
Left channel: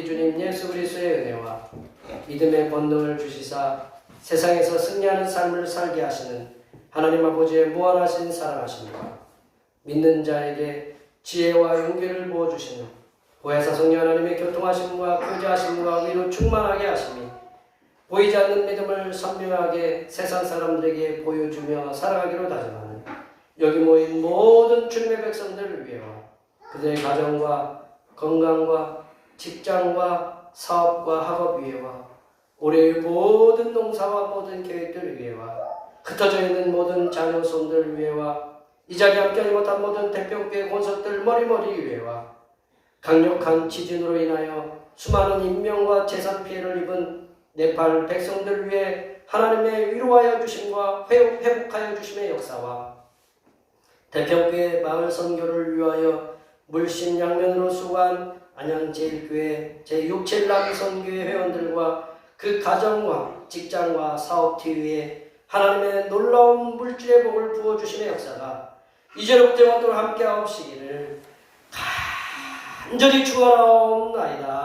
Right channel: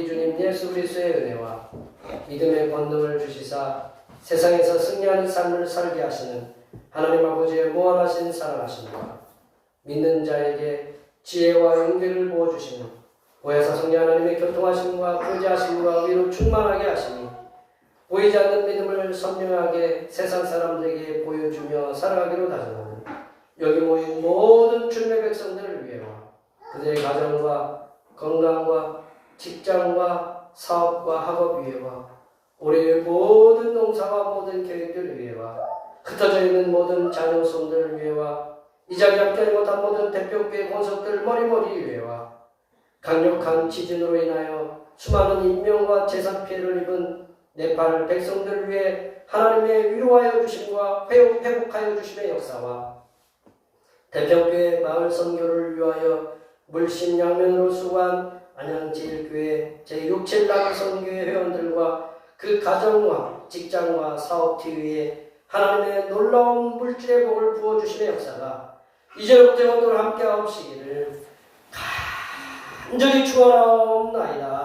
우리 주님 예수 그리스도의 은혜와 믿음의 권능을 주시사 세상에서 승리하는 삶을 살게 하시는 하나님 아버지의 무한하신 사랑하심과 믿는 자에게 지혜와 용기를 부어주시는 보혜사 성령 하나님의 교통하심과 교제하심과 위로 충만하게 하시니 보이지 않는 믿음을 선명하게 세상 사람들에게 보여주며 살아가기로 다짐하는 여기 모인 모든 주님의 백성들을 위하여 그들의 가정과 건강과 직장과 사업과 학업 위에와 올해의 모든 농사와 모든 계획들을 위해와 흩어져 있는 모든 자녀손들을 위해와 이 자리에 함께하지 못한 모든 대표교회 권속들 머리머리 위해와 강력한 지진으로 인하여 수많은 인명과 재산 피해를 입은 네팔 백성들을 위해 하나님의 위로하여 주심과 회복하여 주심의 역사와 대평교회 마을 선교를 위하여 물심양면으로 수고한 안양제일교회 제6,7남 선교회 회원들과 그 가정과 직장과 사업팀 위에 하나님의 놀라운 물질의 복을 부어주심의 역사가 이제로부터 영원토록 함께하옵시기를 간절히 축원하옵나이다.